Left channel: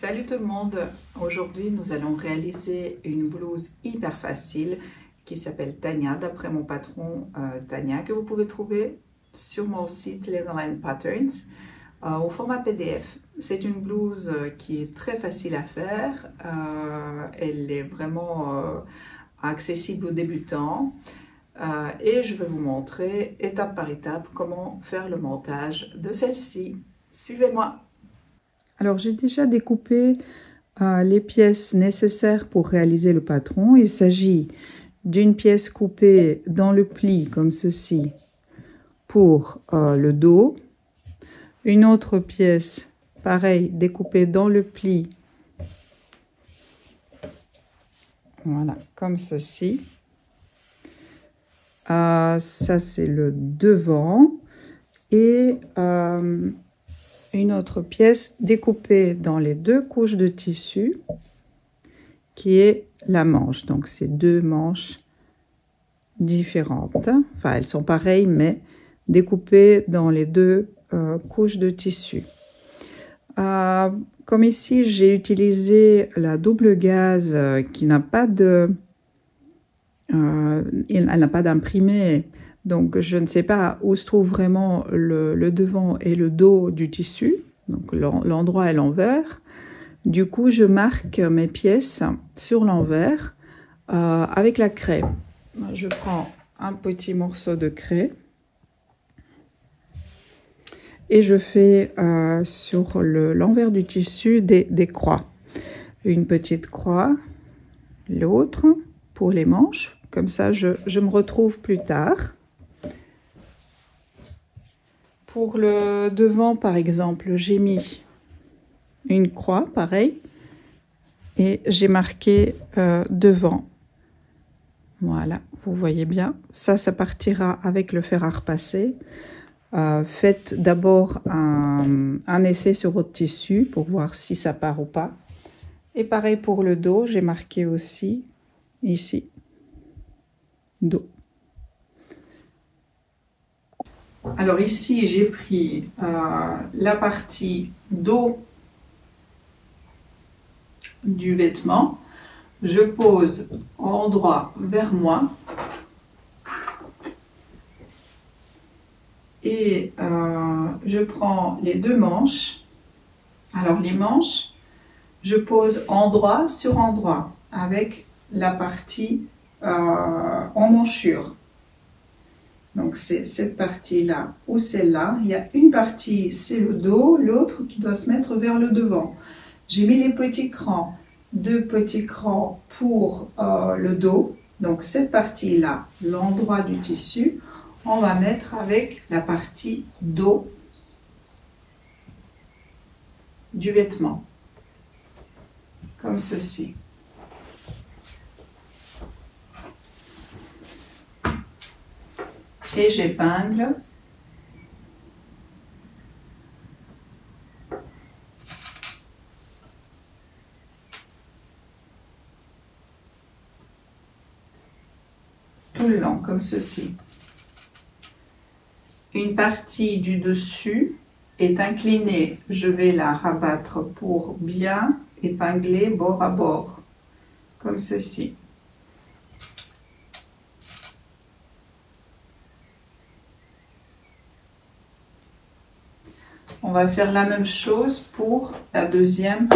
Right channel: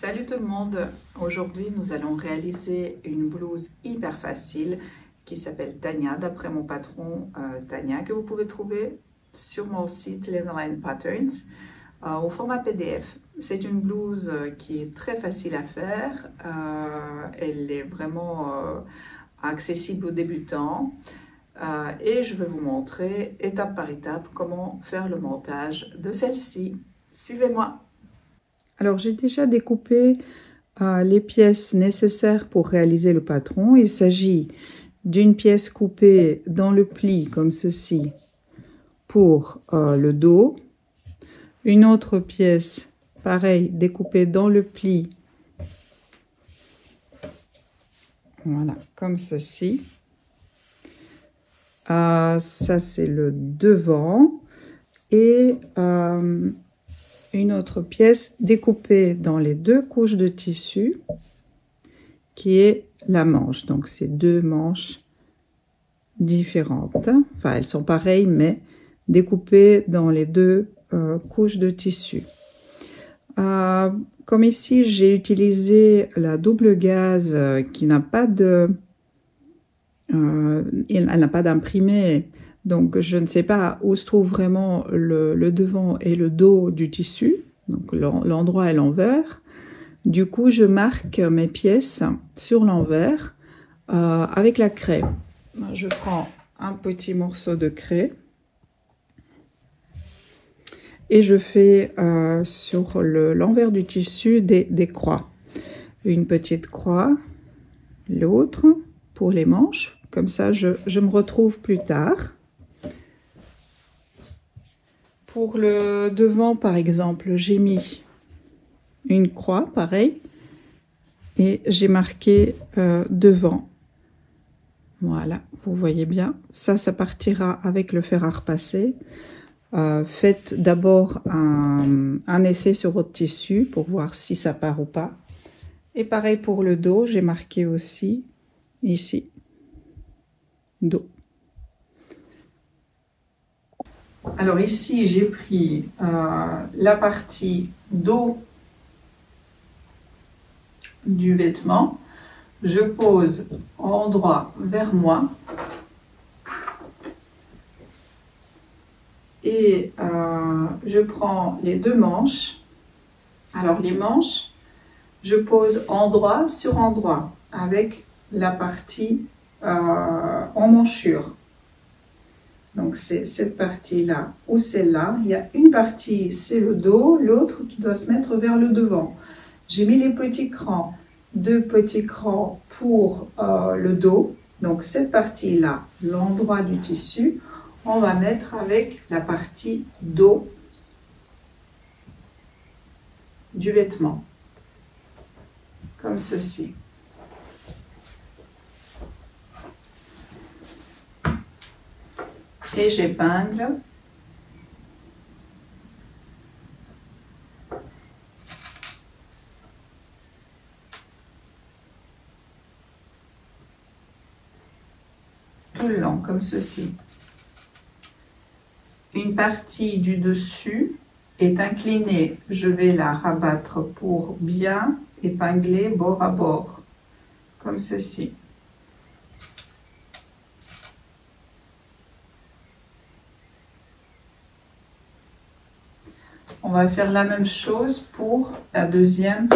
Salut tout le monde! Aujourd'hui, nous allons réaliser une blouse hyper facile qui s'appelle Tania, d'après mon patron Tania, que vous pouvez trouver sur mon site Linoline Patterns au format PDF. C'est une blouse qui est très facile à faire. Elle est vraiment accessible aux débutants. Et je vais vous montrer étape par étape comment faire le montage de celle-ci. Suivez-moi! Alors, j'ai déjà découpé les pièces nécessaires pour réaliser le patron. Il s'agit d'une pièce coupée dans le pli, comme ceci, pour le dos. Une autre pièce, pareil, découpée dans le pli. Voilà, comme ceci. Ça, c'est le devant. Et une autre pièce découpée dans les deux couches de tissu qui est la manche. Donc c'est deux manches différentes, enfin elles sont pareilles mais découpées dans les deux couches de tissu. Comme ici j'ai utilisé la double gaze qui n'a pas de elle n'a pas d'imprimé. Donc, je ne sais pas où se trouve vraiment le devant et le dos du tissu. Donc, l'endroit est l'envers. Du coup, je marque mes pièces sur l'envers avec la craie. Je prends un petit morceau de craie et je fais sur l'envers du tissu des croix. Une petite croix, l'autre pour les manches. Comme ça, je me retrouve plus tard. Pour le devant, par exemple, j'ai mis une croix, pareil, et j'ai marqué devant. Voilà, vous voyez bien. Ça partira avec le fer à repasser. Faites d'abord un essai sur votre tissu pour voir si ça part ou pas. Et pareil pour le dos, j'ai marqué aussi ici, dos. Alors ici, j'ai pris la partie dos du vêtement. Je pose endroit vers moi. Et je prends les deux manches. Alors les manches, je pose endroit sur endroit avec la partie en manchure. Donc, c'est cette partie-là ou celle-là. Il y a une partie, c'est le dos, l'autre qui doit se mettre vers le devant. J'ai mis les petits crans, deux petits crans pour le dos. Donc, cette partie-là, l'endroit du tissu, on va mettre avec la partie dos du vêtement. Comme ceci. Et j'épingle tout le long comme ceci. Une partie du dessus est inclinée, je vais la rabattre pour bien épingler bord à bord comme ceci. On va faire la même chose pour la deuxième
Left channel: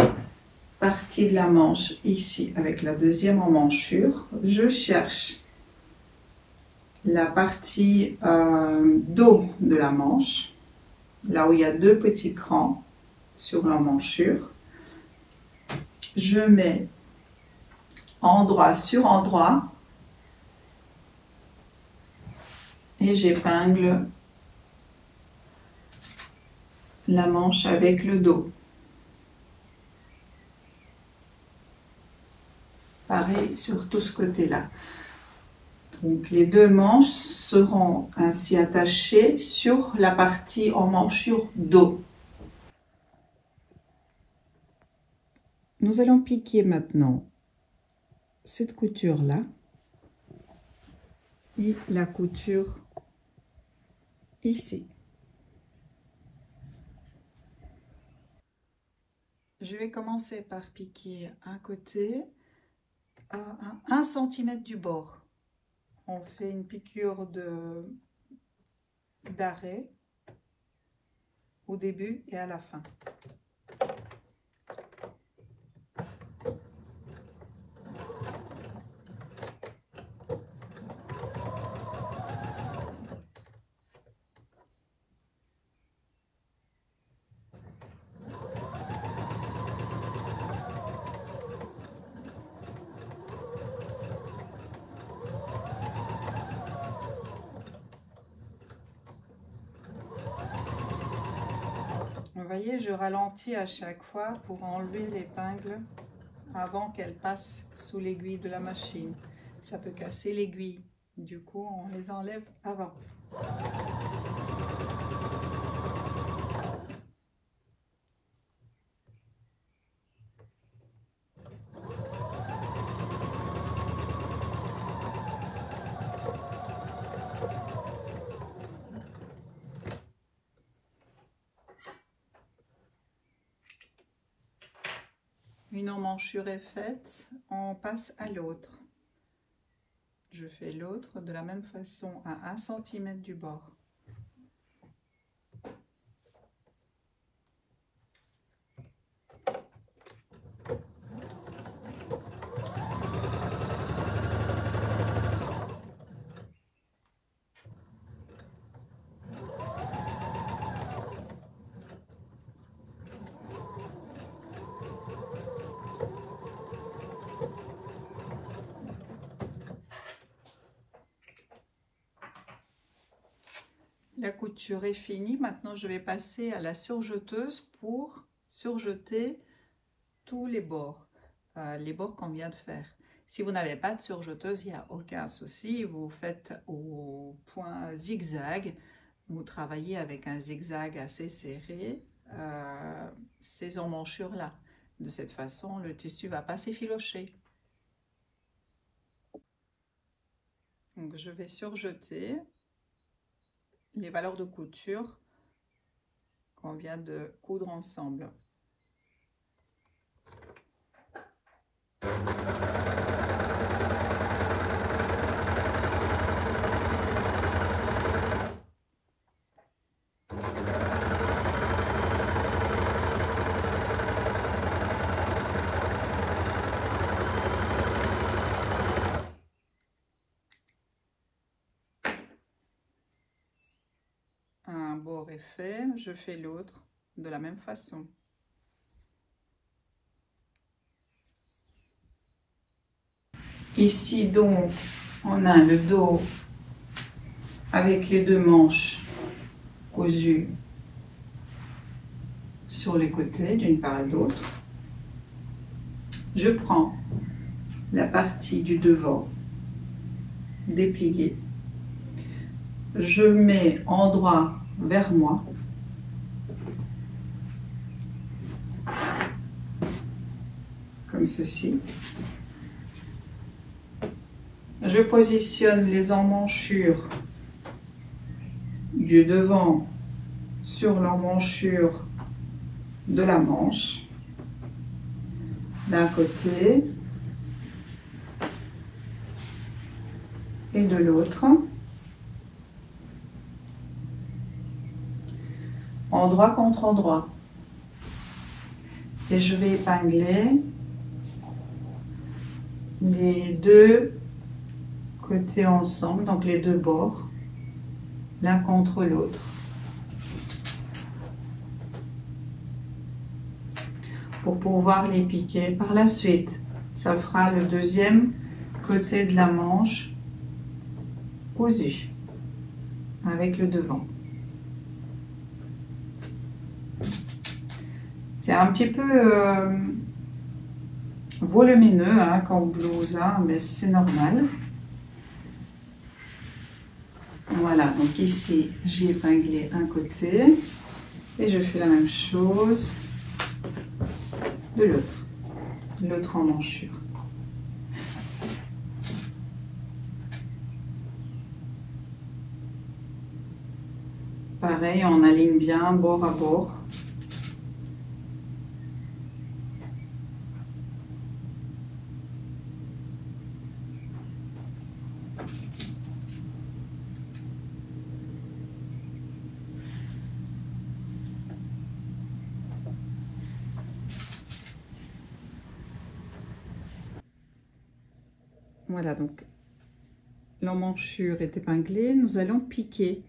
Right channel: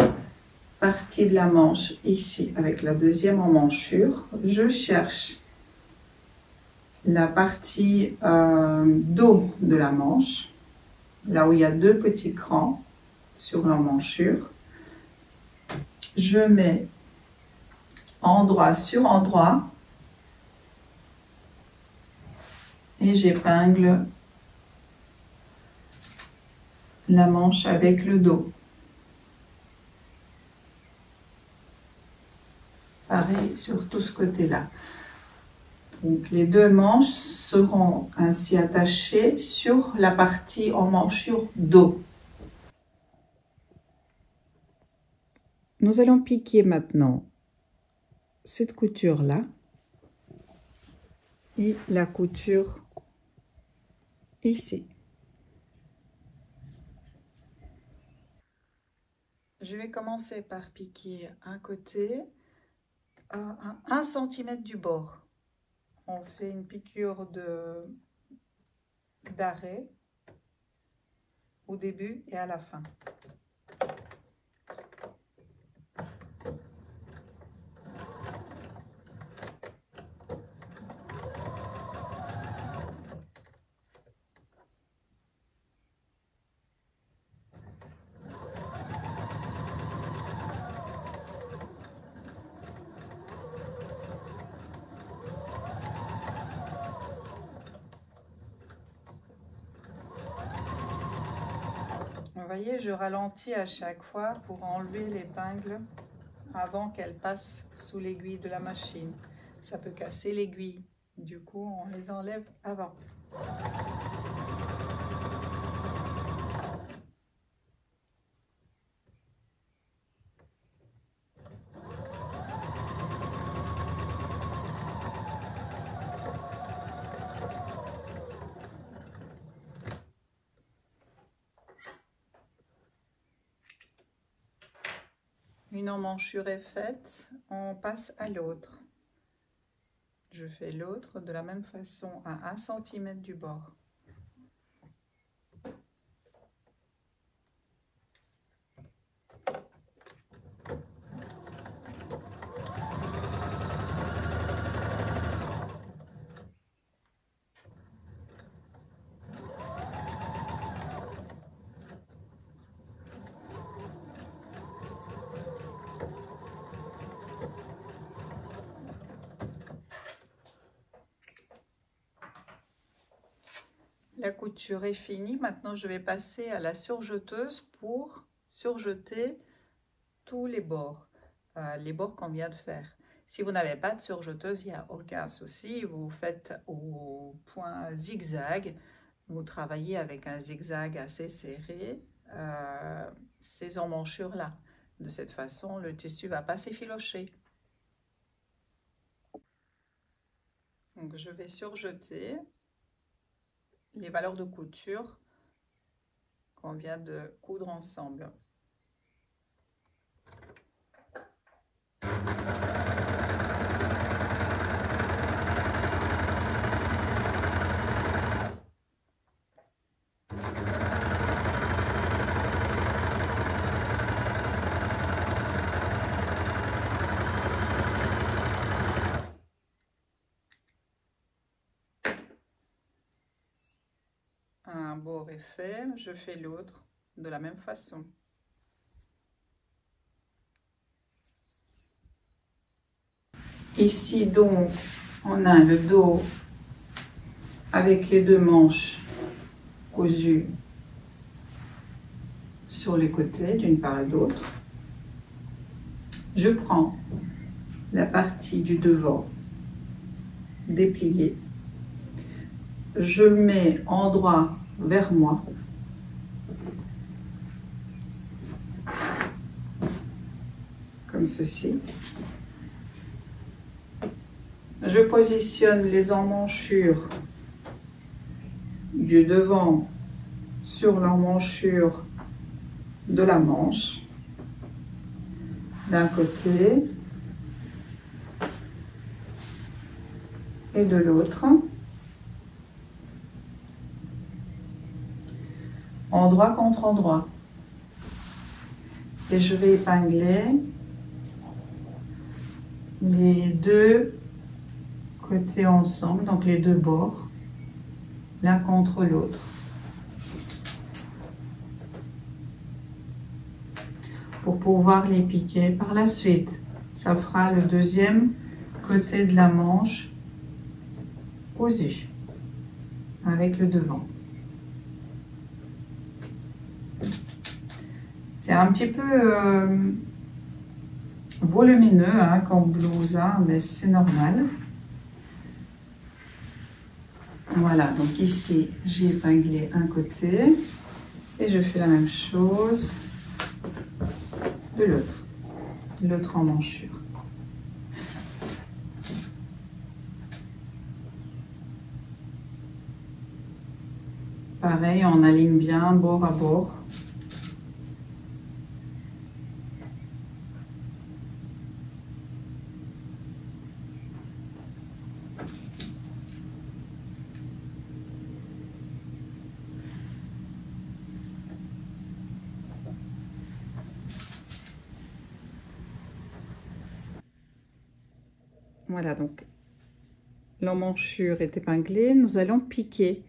partie de la manche, ici, avec la deuxième emmanchure. Je cherche la partie dos de la manche, là où il y a deux petits crans sur l'emmanchure. Je mets endroit sur endroit et j'épingle la manche avec le dos. Pareil sur tout ce côté-là. Donc les deux manches seront ainsi attachées sur la partie emmanchure dos. Nous allons piquer maintenant cette couture-là et la couture ici. Je vais commencer par piquer un côté à 1 cm du bord. On fait une piqûre d'arrêt au début et à la fin. Vous voyez, je ralentis à chaque fois pour enlever l'épingle avant qu'elle passe sous l'aiguille de la machine. Ça peut casser l'aiguille, du coup on les enlève avant. Une emmanchure est faite, on passe à l'autre. Je fais l'autre de la même façon à 1 cm du bord. La couture est finie. Maintenant, je vais passer à la surjeteuse pour surjeter tous les bords qu'on vient de faire. Si vous n'avez pas de surjeteuse, il n'y a aucun souci. Vous faites au point zigzag. Vous travaillez avec un zigzag assez serré ces emmanchures-là. De cette façon, le tissu ne va pas s'effilocher. Donc, je vais surjeter les valeurs de couture qu'on vient de coudre ensemble. Un bord est fait, je fais l'autre de la même façon. Ici donc on a le dos avec les deux manches cousues sur les côtés d'une part et d'autre. Je prends la partie du devant dépliée, je mets endroit vers moi, comme ceci. Je positionne les emmanchures du devant sur l'emmanchure de la manche d'un côté et de l'autre, endroit contre endroit, et je vais épingler les deux côtés ensemble, donc les deux bords l'un contre l'autre, pour pouvoir les piquer par la suite. Ça fera le deuxième côté de la manche cousu avec le devant. C'est un petit peu volumineux hein, comme blouse, hein, mais c'est normal. Voilà, donc ici j'ai épinglé un côté et je fais la même chose de l'autre emmanchure. Pareil, on aligne bien bord à bord. Voilà, donc l'emmanchure est épinglée. Nous allons piquer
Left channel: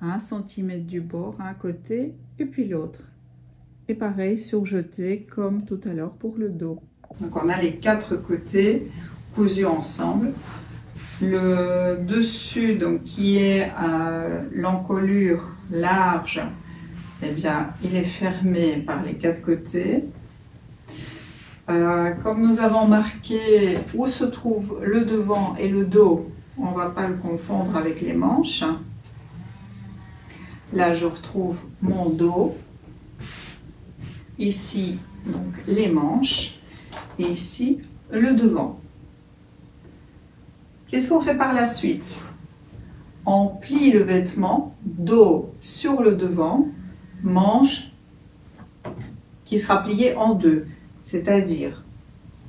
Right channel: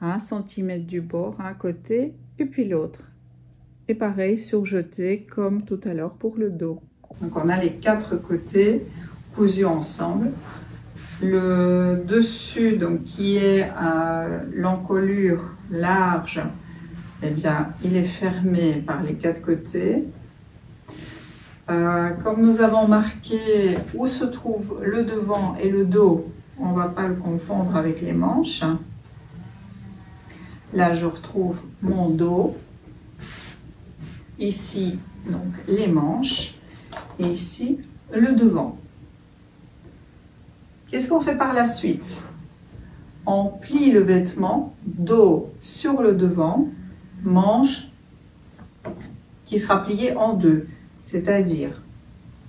à 1 cm du bord, un côté et puis l'autre. Et pareil, surjeter comme tout à l'heure pour le dos. Donc on a les 4 côtés cousus ensemble. Le dessus, donc qui est l'encolure large, eh bien, il est fermé par les 4 côtés. Comme nous avons marqué où se trouve le devant et le dos, on ne va pas le confondre avec les manches. Là, je retrouve mon dos. Ici, donc les manches. Et ici, le devant. Qu'est-ce qu'on fait par la suite? On plie le vêtement, dos sur le devant, manche qui sera pliée en deux. C'est-à-dire,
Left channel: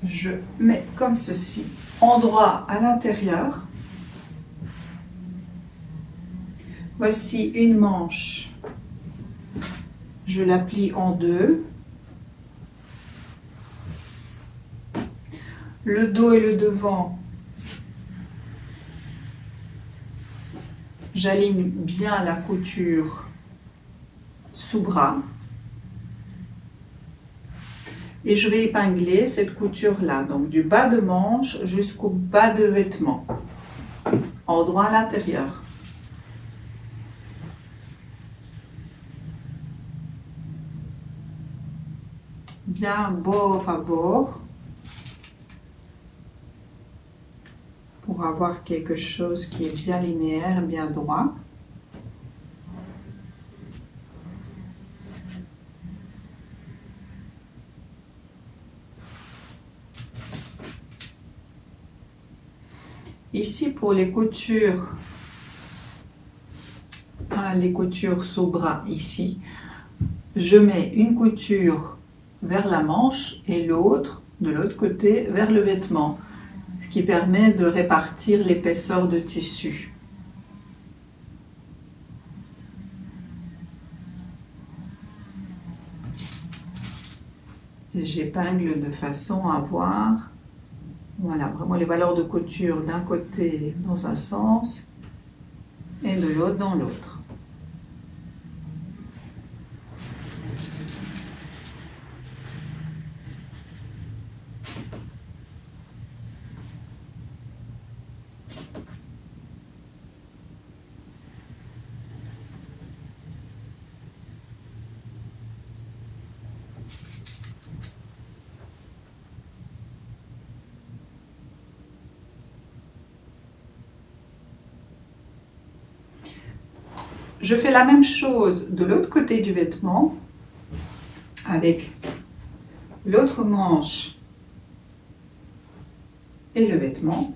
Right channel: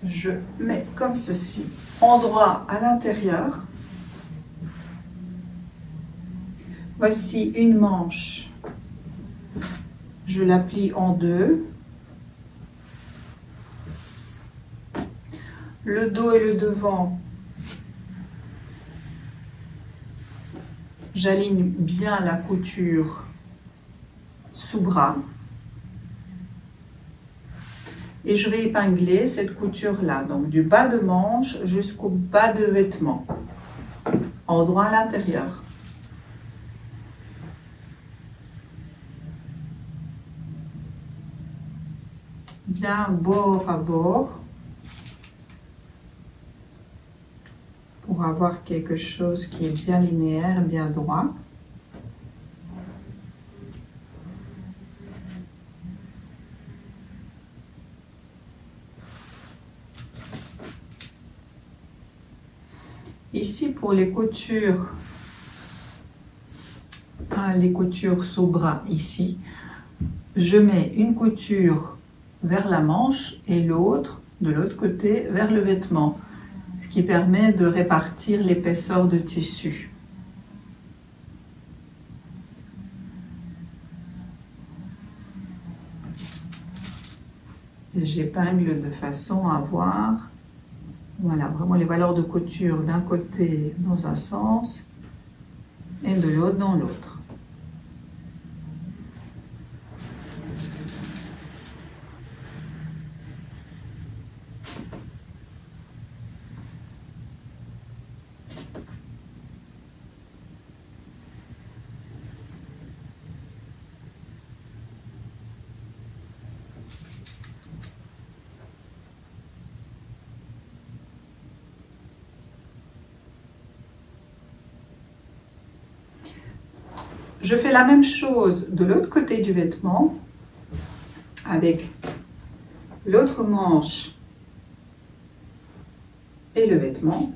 je mets comme ceci, endroit à l'intérieur. Voici une manche. Je la plie en deux. Le dos et le devant, j'aligne bien la couture sous bras et je vais épingler cette couture là, donc du bas de manche jusqu'au bas de vêtement, endroit à l'intérieur. Bien bord à bord pour avoir quelque chose qui est bien linéaire, bien droit. Ici pour les coutures sous bras, ici, je mets une couture vers la manche et l'autre de l'autre côté vers le vêtement, ce qui permet de répartir l'épaisseur de tissu. J'épingle de façon à voir, voilà, vraiment les valeurs de couture d'un côté dans un sens et de l'autre dans l'autre. Je fais la même chose de l'autre côté du vêtement avec l'autre manche et le vêtement.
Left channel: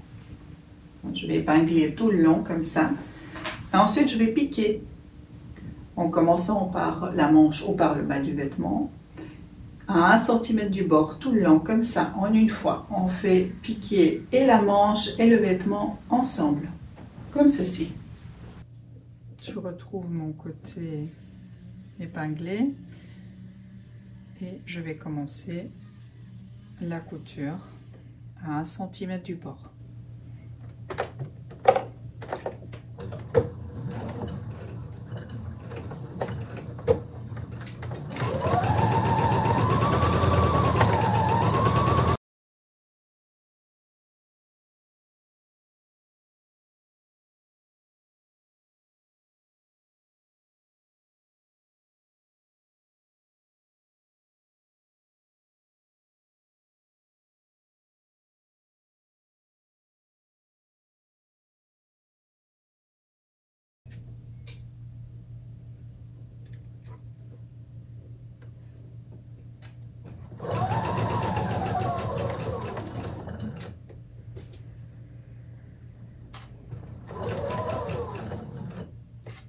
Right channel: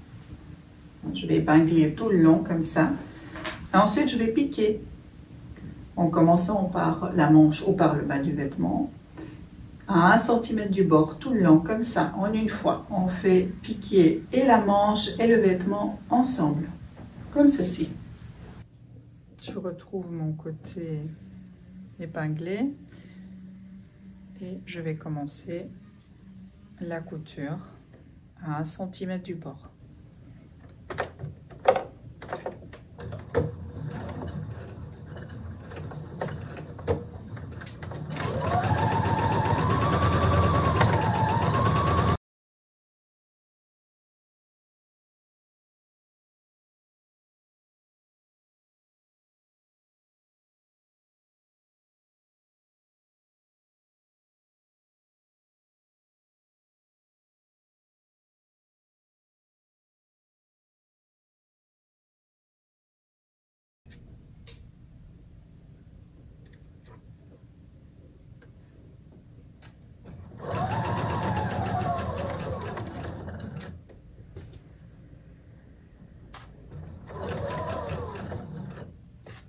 Je vais épingler tout le long comme ça. Et ensuite, je vais piquer en commençant par la manche ou par le bas du vêtement à 1 cm du bord tout le long comme ça en une fois. On fait piquer et la manche et le vêtement ensemble comme ceci. Je retrouve mon côté épinglé et je vais commencer la couture à 1 cm du bord.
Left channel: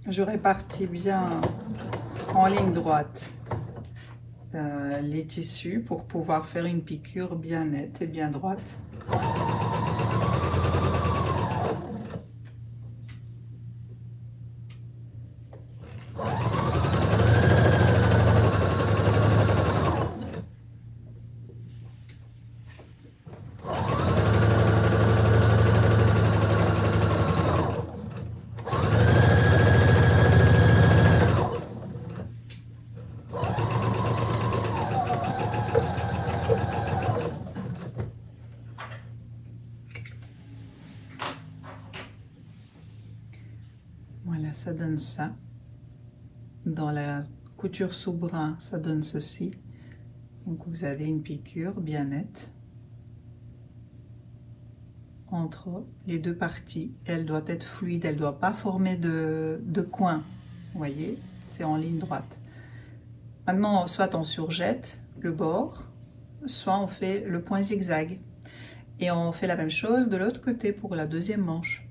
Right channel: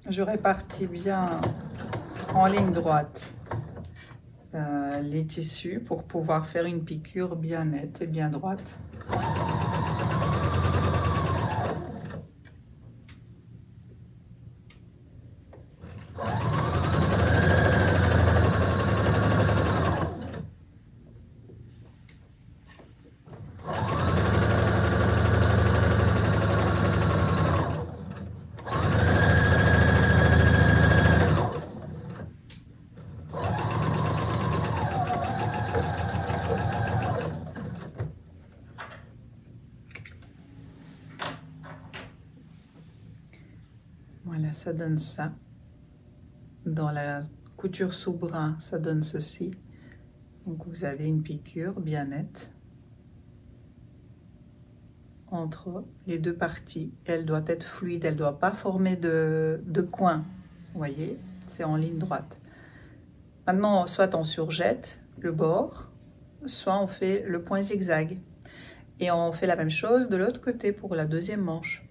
Je répartis bien en ligne droite les tissus pour pouvoir faire une piqûre bien nette et bien droite. ça donne ça. Dans la couture sous bras, ça donne ceci. Donc vous avez une piqûre bien nette entre les deux parties. Elle doit être fluide, elle ne doit pas former de coin. Vous voyez, c'est en ligne droite. Maintenant, soit on surjette le bord, soit on fait le point zigzag. Et on fait la même chose de l'autre côté pour la deuxième manche.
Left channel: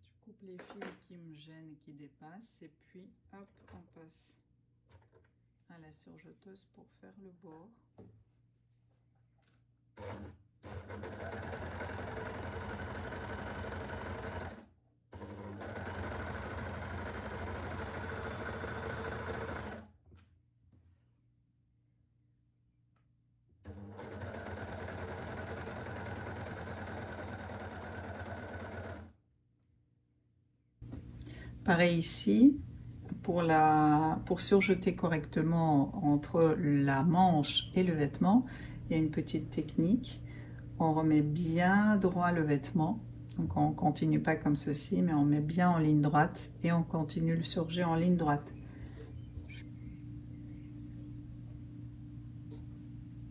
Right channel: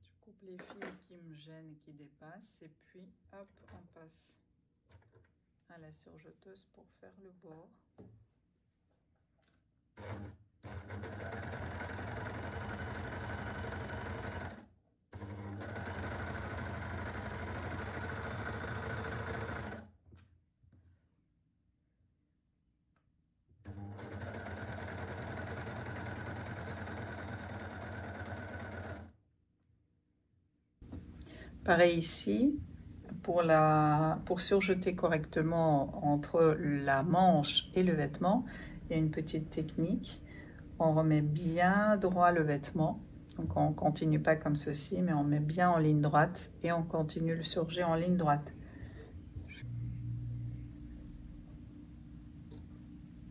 Je coupe les fils qui me gênent et qui dépassent, et puis hop, on passe à la surjeteuse pour faire le bord. Pareil ici, pour surjeter correctement entre la manche et le vêtement, il y a une petite technique. On remet bien droit le vêtement. Donc on ne continue pas comme ceci, mais on met bien en ligne droite et on continue le surjet en ligne droite.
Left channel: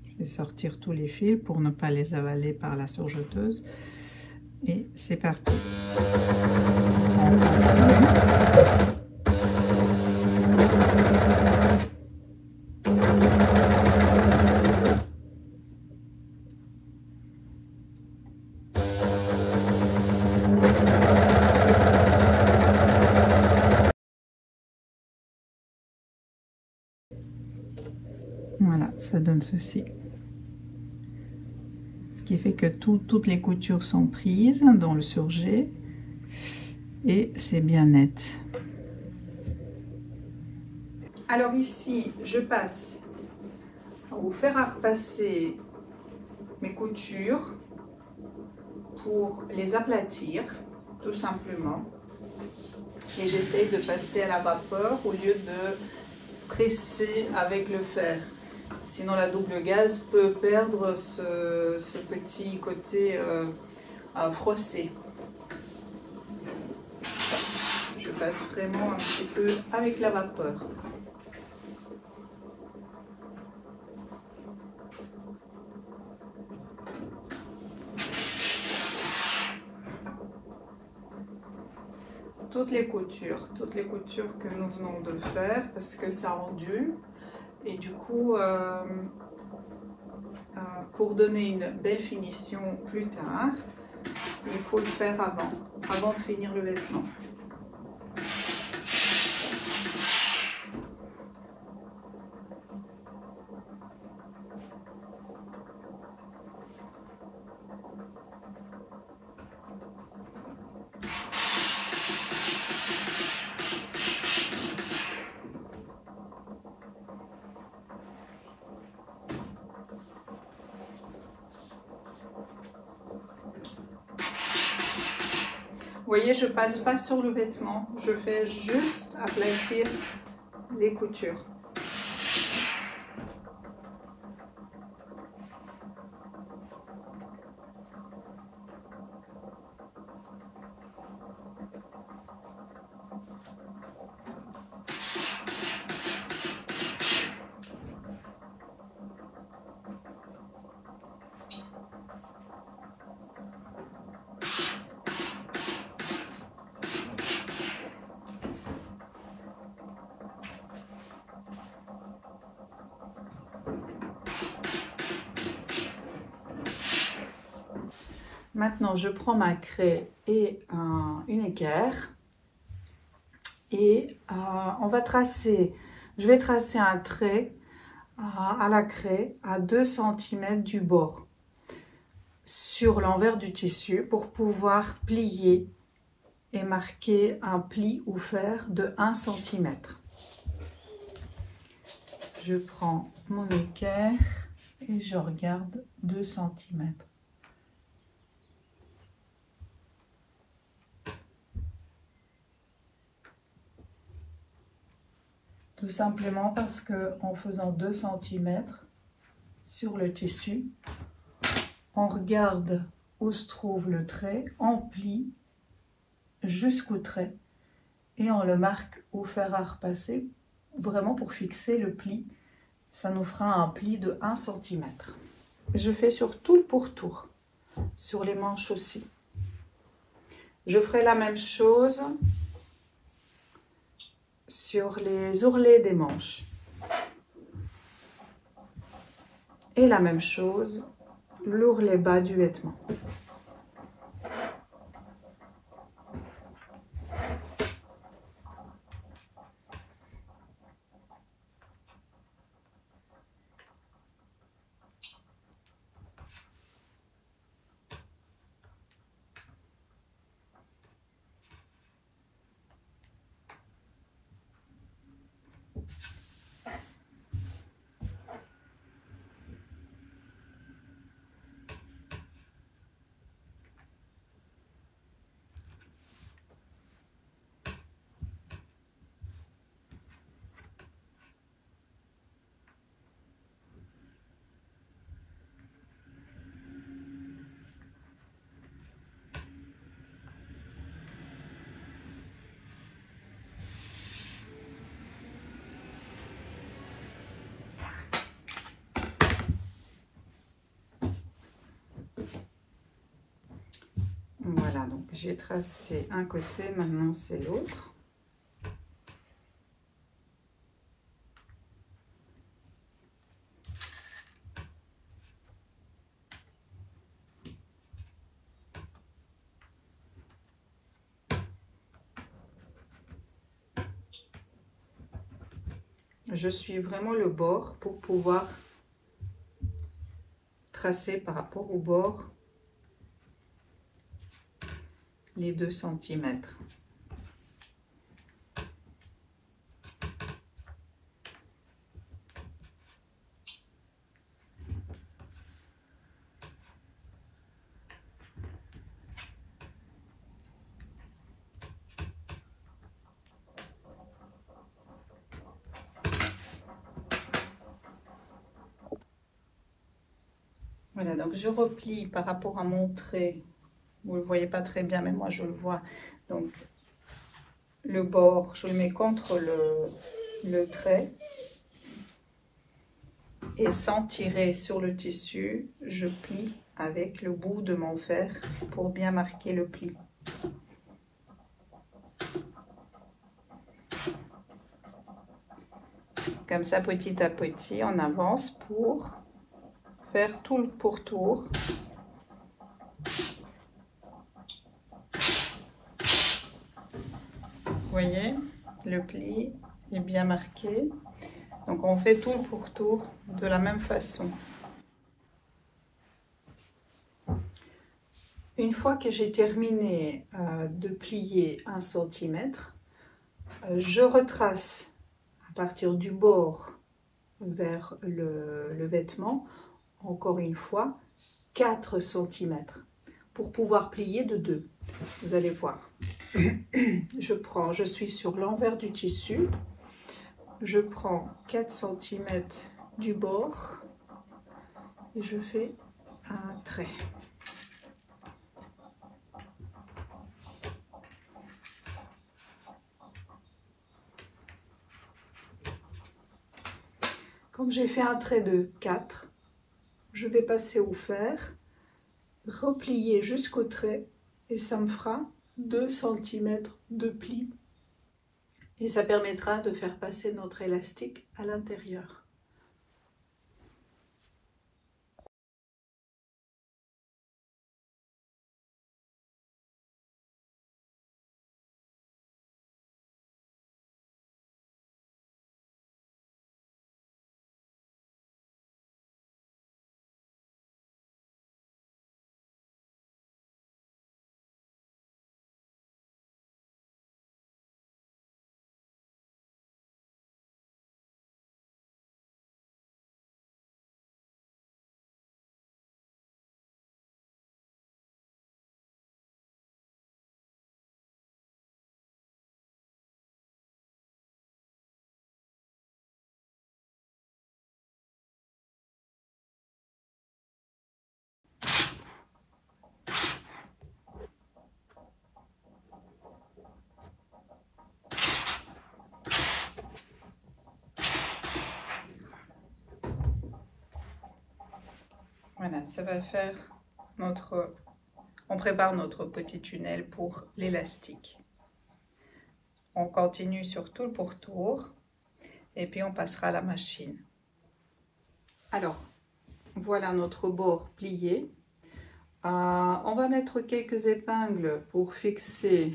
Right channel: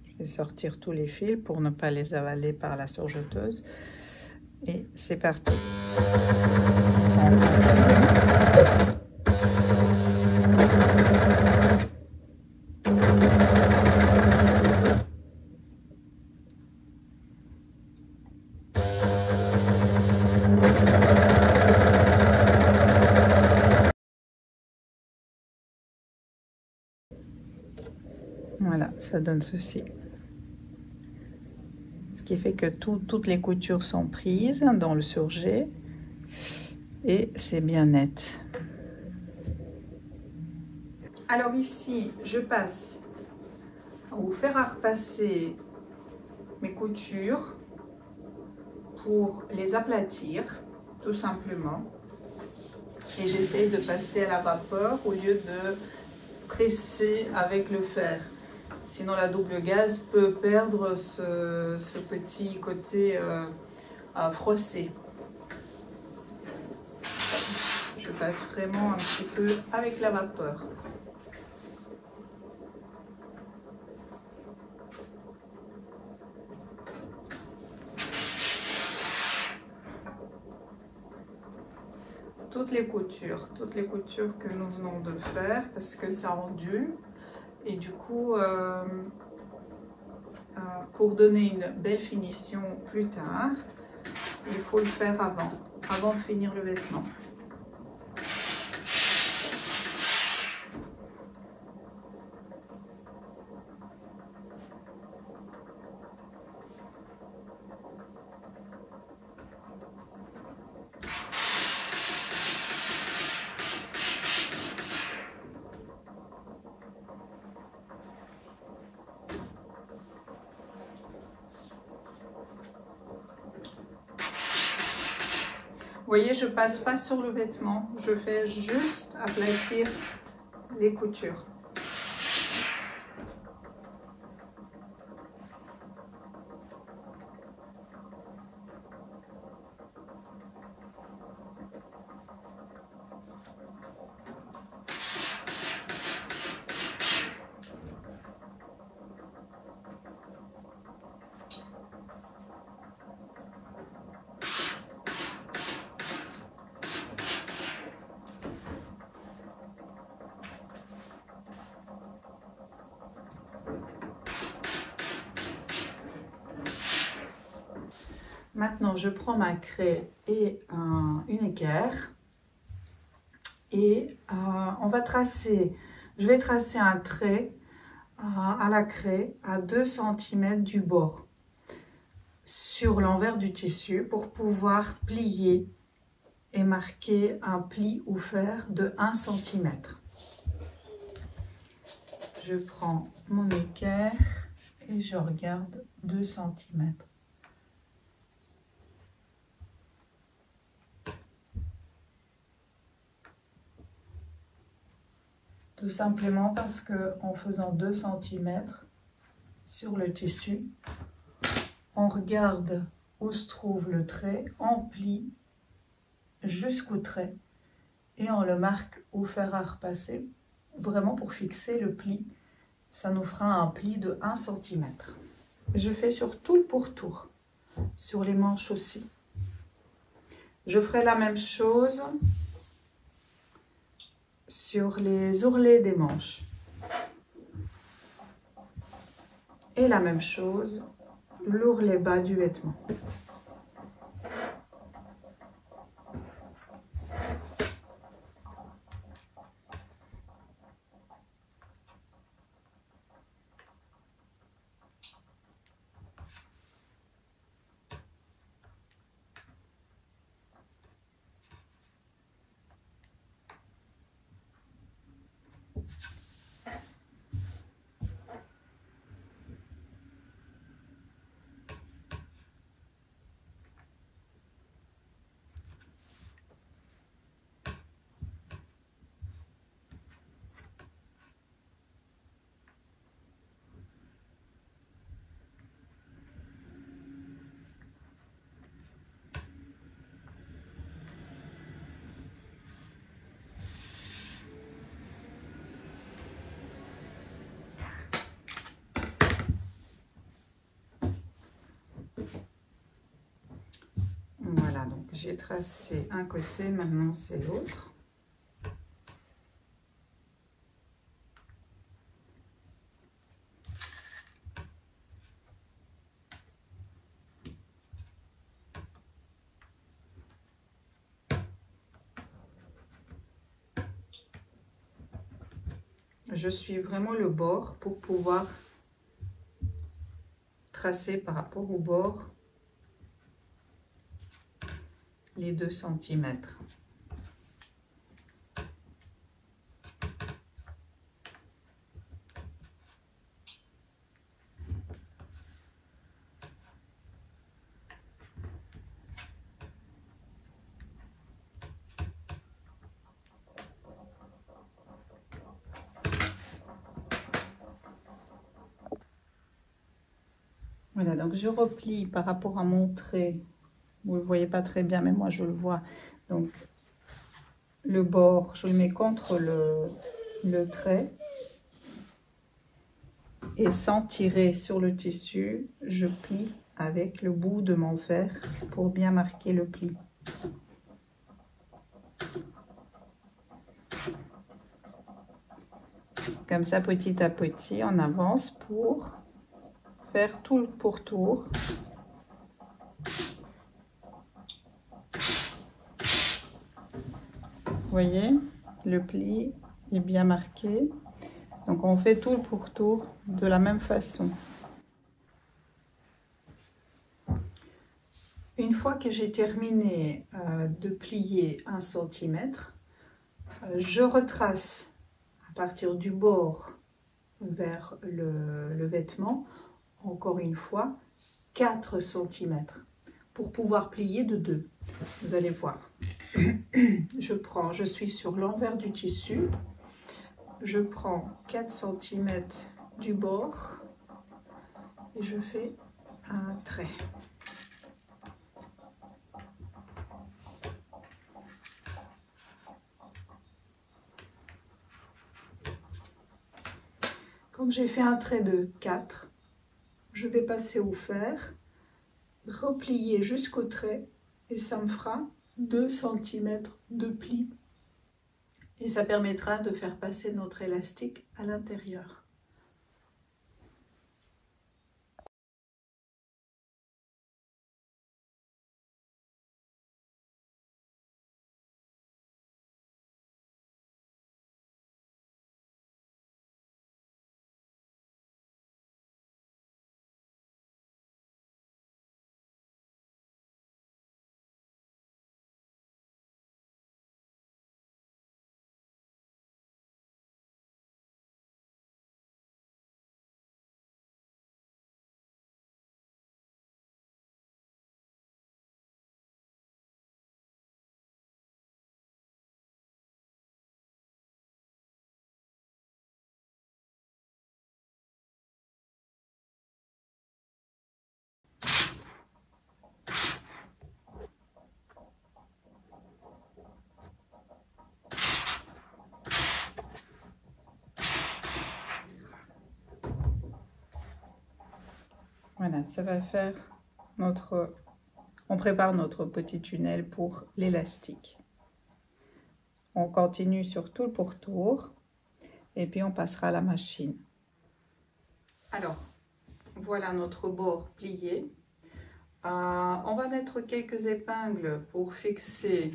Je vais sortir tous les fils pour ne pas les avaler par la surjeteuse. Et c'est parti. Voilà, ça donne ceci. Ce qui fait que toutes les coutures sont prises dans le surjet et c'est bien net. Alors ici, je passe à vous faire repasser mes coutures pour les aplatir, tout simplement. Et j'essaye de passer à la vapeur au lieu de presser avec le fer. Sinon la double gaze peut perdre ce petit côté froissé. Je passe vraiment un petit peu avec la vapeur. Toutes les coutures que nous venons de faire, parce que ça ondule. Et du coup, pour donner une belle finition plus tard, il faut le faire avant de finir le vêtement. Vous voyez, je passe pas sur le vêtement, je fais juste aplatir les coutures. Maintenant, je prends ma craie et une équerre et je vais tracer un trait à la craie à 2 cm du bord sur l'envers du tissu pour pouvoir plier et marquer un pli ou fer de 1 cm. Je prends mon équerre et je regarde 2 cm. Tout simplement parce que en faisant 2 cm sur le tissu, on regarde où se trouve le trait, on plie jusqu'au trait et on le marque au fer à repasser, vraiment pour fixer le pli. Ça nous fera un pli de 1 cm. Je fais sur tout le pourtour, sur les manches aussi. Je ferai la même chose sur les ourlets des manches. Et la même chose, l'ourlet bas du vêtement. Voilà, donc j'ai tracé un côté, maintenant c'est l'autre. Je suis vraiment le bord pour pouvoir tracer par rapport au bord les 2 cm. Voilà, donc je replie par rapport à mon trait. Vous ne le voyez pas très bien, mais moi je le vois. Donc le bord, je le mets contre le trait. Et sans tirer sur le tissu, je plie avec le bout de mon fer pour bien marquer le pli. Comme ça, petit à petit, on avance pour faire tout le pourtour. Vous voyez, le pli est bien marqué. Donc on fait tout le pourtour de la même façon. Une fois que j'ai terminé de plier 1 cm, je retrace à partir du bord vers le vêtement, encore une fois, 4 cm pour pouvoir plier de 2. Vous allez voir. Je suis sur l'envers du tissu. Je prends 4 cm du bord et je fais un trait. Comme j'ai fait un trait de 4, je vais passer au fer, replier jusqu'au trait et ça me fera 2 cm de pli. Et ça permettra de faire passer notre élastique à l'intérieur. Voilà, ça va faire notre... On prépare notre petit tunnel pour l'élastique. On continue sur tout le pourtour et puis on passera à la machine. Alors, voilà notre bord plié. On va mettre quelques épingles pour fixer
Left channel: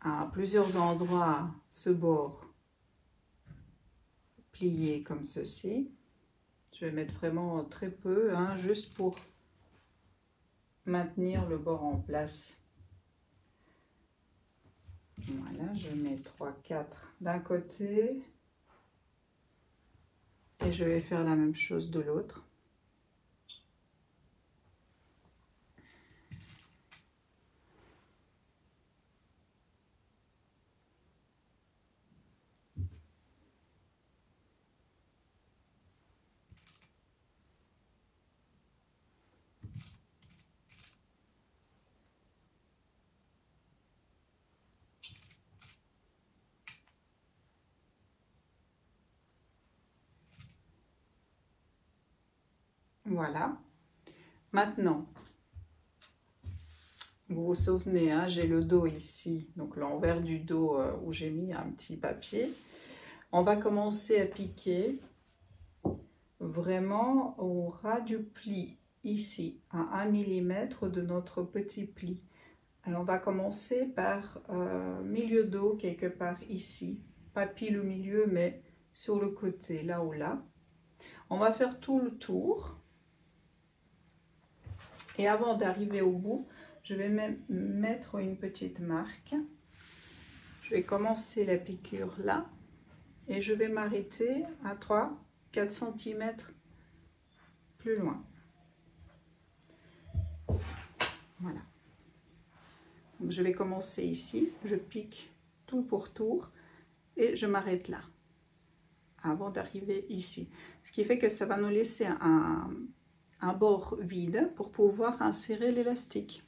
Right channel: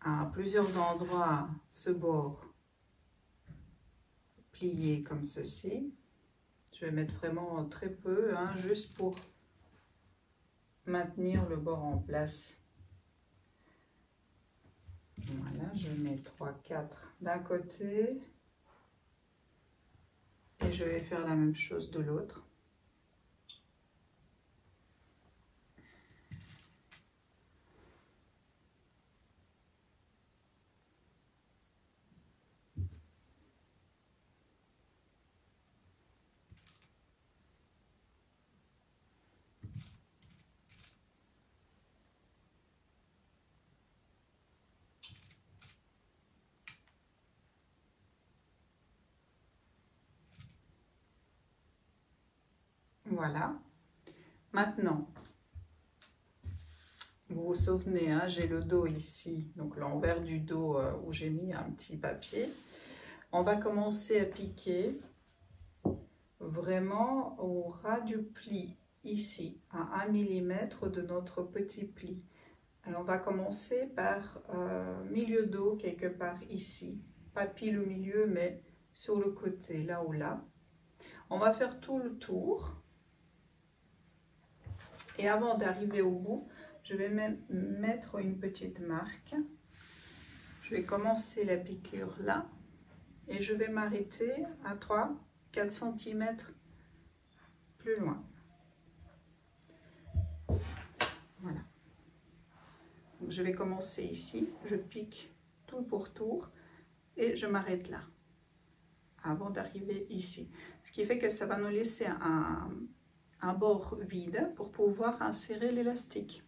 à plusieurs endroits ce bord plié comme ceci. Je vais mettre vraiment très peu, hein, juste pour maintenir le bord en place. Voilà, je mets 3-4 d'un côté et je vais faire la même chose de l'autre. Voilà. Maintenant, vous vous souvenez, hein, j'ai le dos ici, donc l'envers du dos où j'ai mis un petit papier. On va commencer à piquer vraiment au ras du pli, ici, à 1 mm de notre petit pli. Et on va commencer par milieu dos, quelque part ici. Pas pile au milieu, mais sur le côté, là ou là. On va faire tout le tour. Et avant d'arriver au bout, je vais même mettre une petite marque. Je vais commencer la piqûre là. Et je vais m'arrêter à 3-4 cm plus loin. Voilà. Donc je vais commencer ici. Je pique tout le pourtour et je m'arrête là. Avant d'arriver ici. Ce qui fait que ça va nous laisser un bord vide pour pouvoir insérer l'élastique.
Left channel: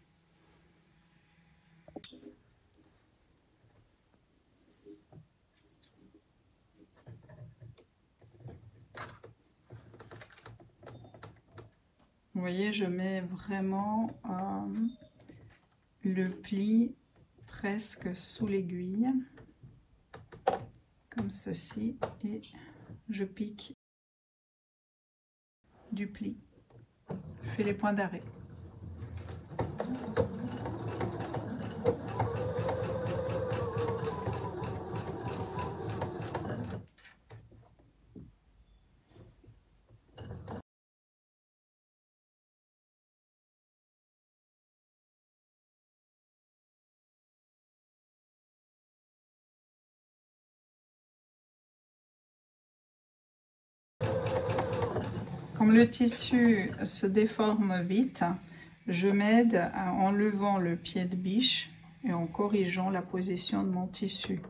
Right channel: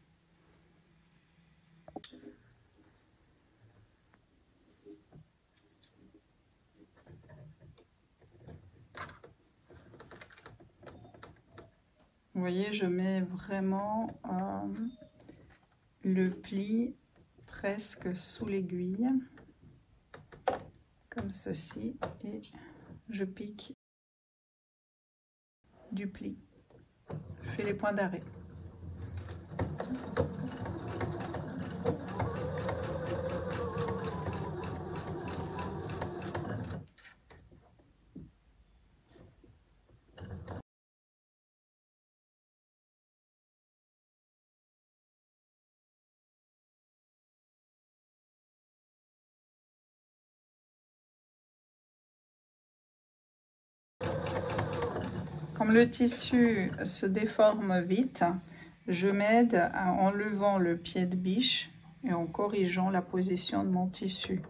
Vous voyez, je mets vraiment le pli presque sous l'aiguille, comme ceci, et je pique du pli. Je fais les points d'arrêt. Comme le tissu se déforme vite, je m'aide en levant le pied de biche et en corrigeant la position de mon tissu.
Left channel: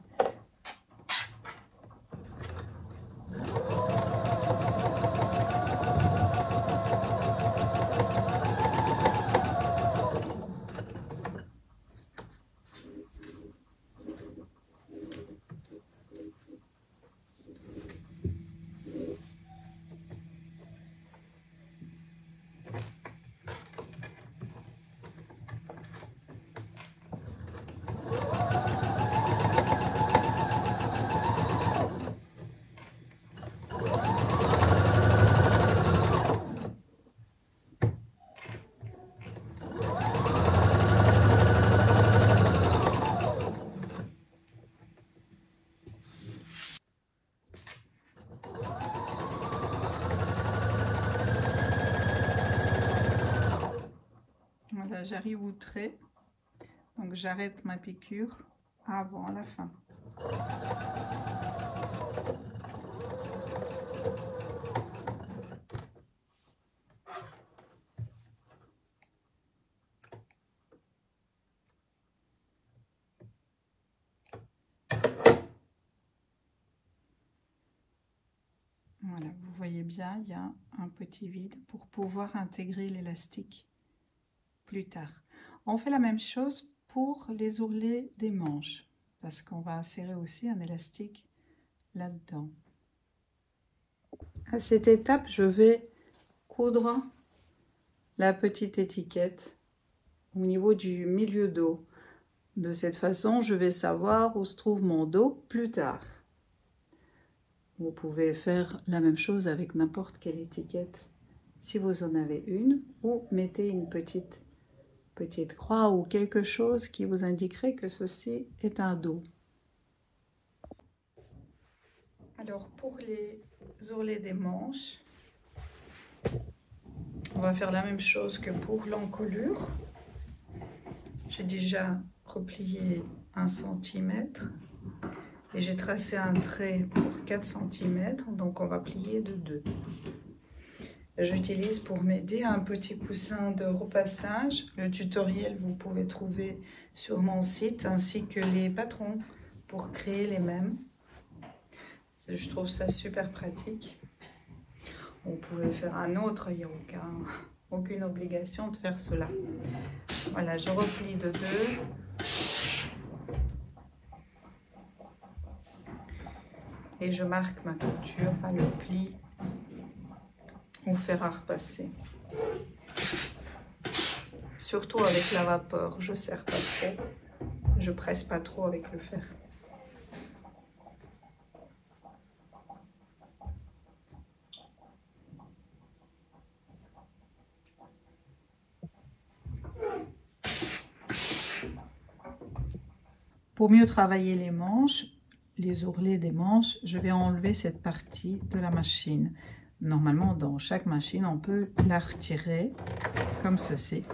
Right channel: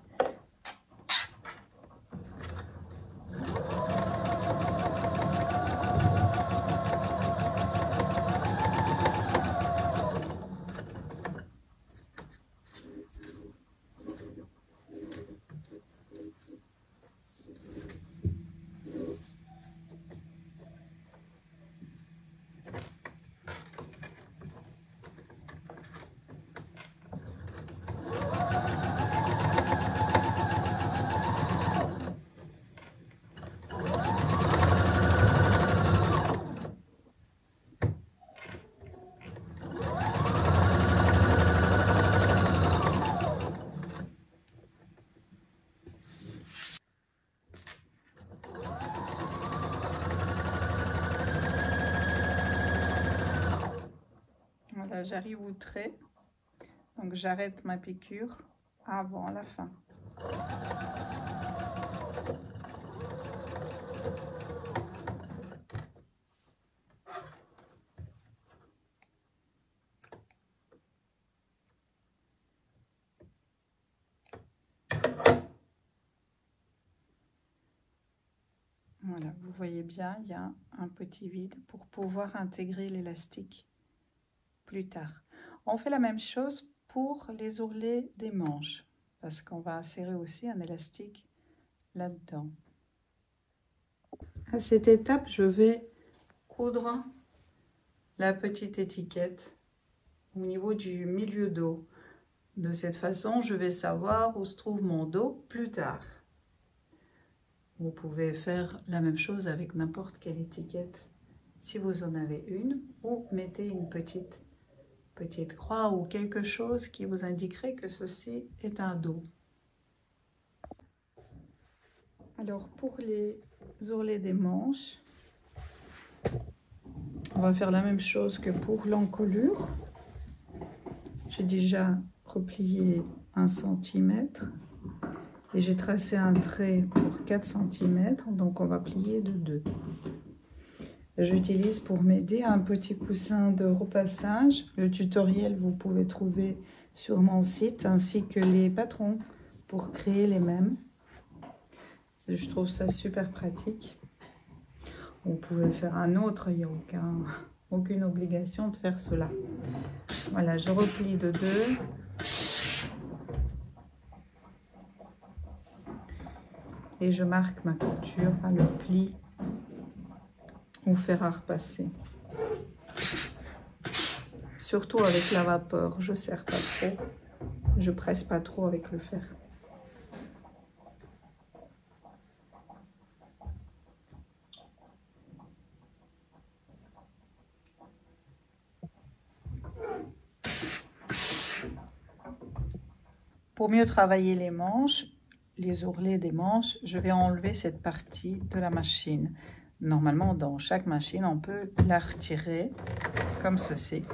Voilà, j'arrive au trait, donc j'arrête ma piqûre avant la fin. Voilà, vous voyez bien, il y a un petit vide pour pouvoir intégrer l'élastique plus tard. On fait la même chose pour les ourlets des manches, parce qu'on va insérer aussi un élastique là-dedans. À cette étape, je vais coudre la petite étiquette au niveau du milieu dos. De cette façon, je vais savoir où se trouve mon dos plus tard. Vous pouvez faire la même chose avec n'importe quelle étiquette, si vous en avez une, ou mettez une petite croix ou quelque chose qui vous indiquerait que ceci est un dos. Alors pour les ourlets des manches, on va faire la même chose que pour l'encolure. J'ai déjà replié 1 cm et j'ai tracé un trait pour 4 cm, donc on va plier de 2. J'utilise pour m'aider un petit coussin de repassage. Le tutoriel vous pouvez trouver sur mon site ainsi que les patrons pour créer les mêmes. Je trouve ça super pratique. Vous pouvez faire un autre, il n'y a aucune obligation de faire cela. Voilà, je replie de 2. Et je marque ma couture à le pli ou fer à repasser. Surtout avec la vapeur, je ne serre pas trop, je presse pas trop avec le fer. Pour mieux travailler les manches, les ourlets des manches, je vais enlever cette partie de la machine. Normalement, dans chaque machine, on peut la retirer comme ceci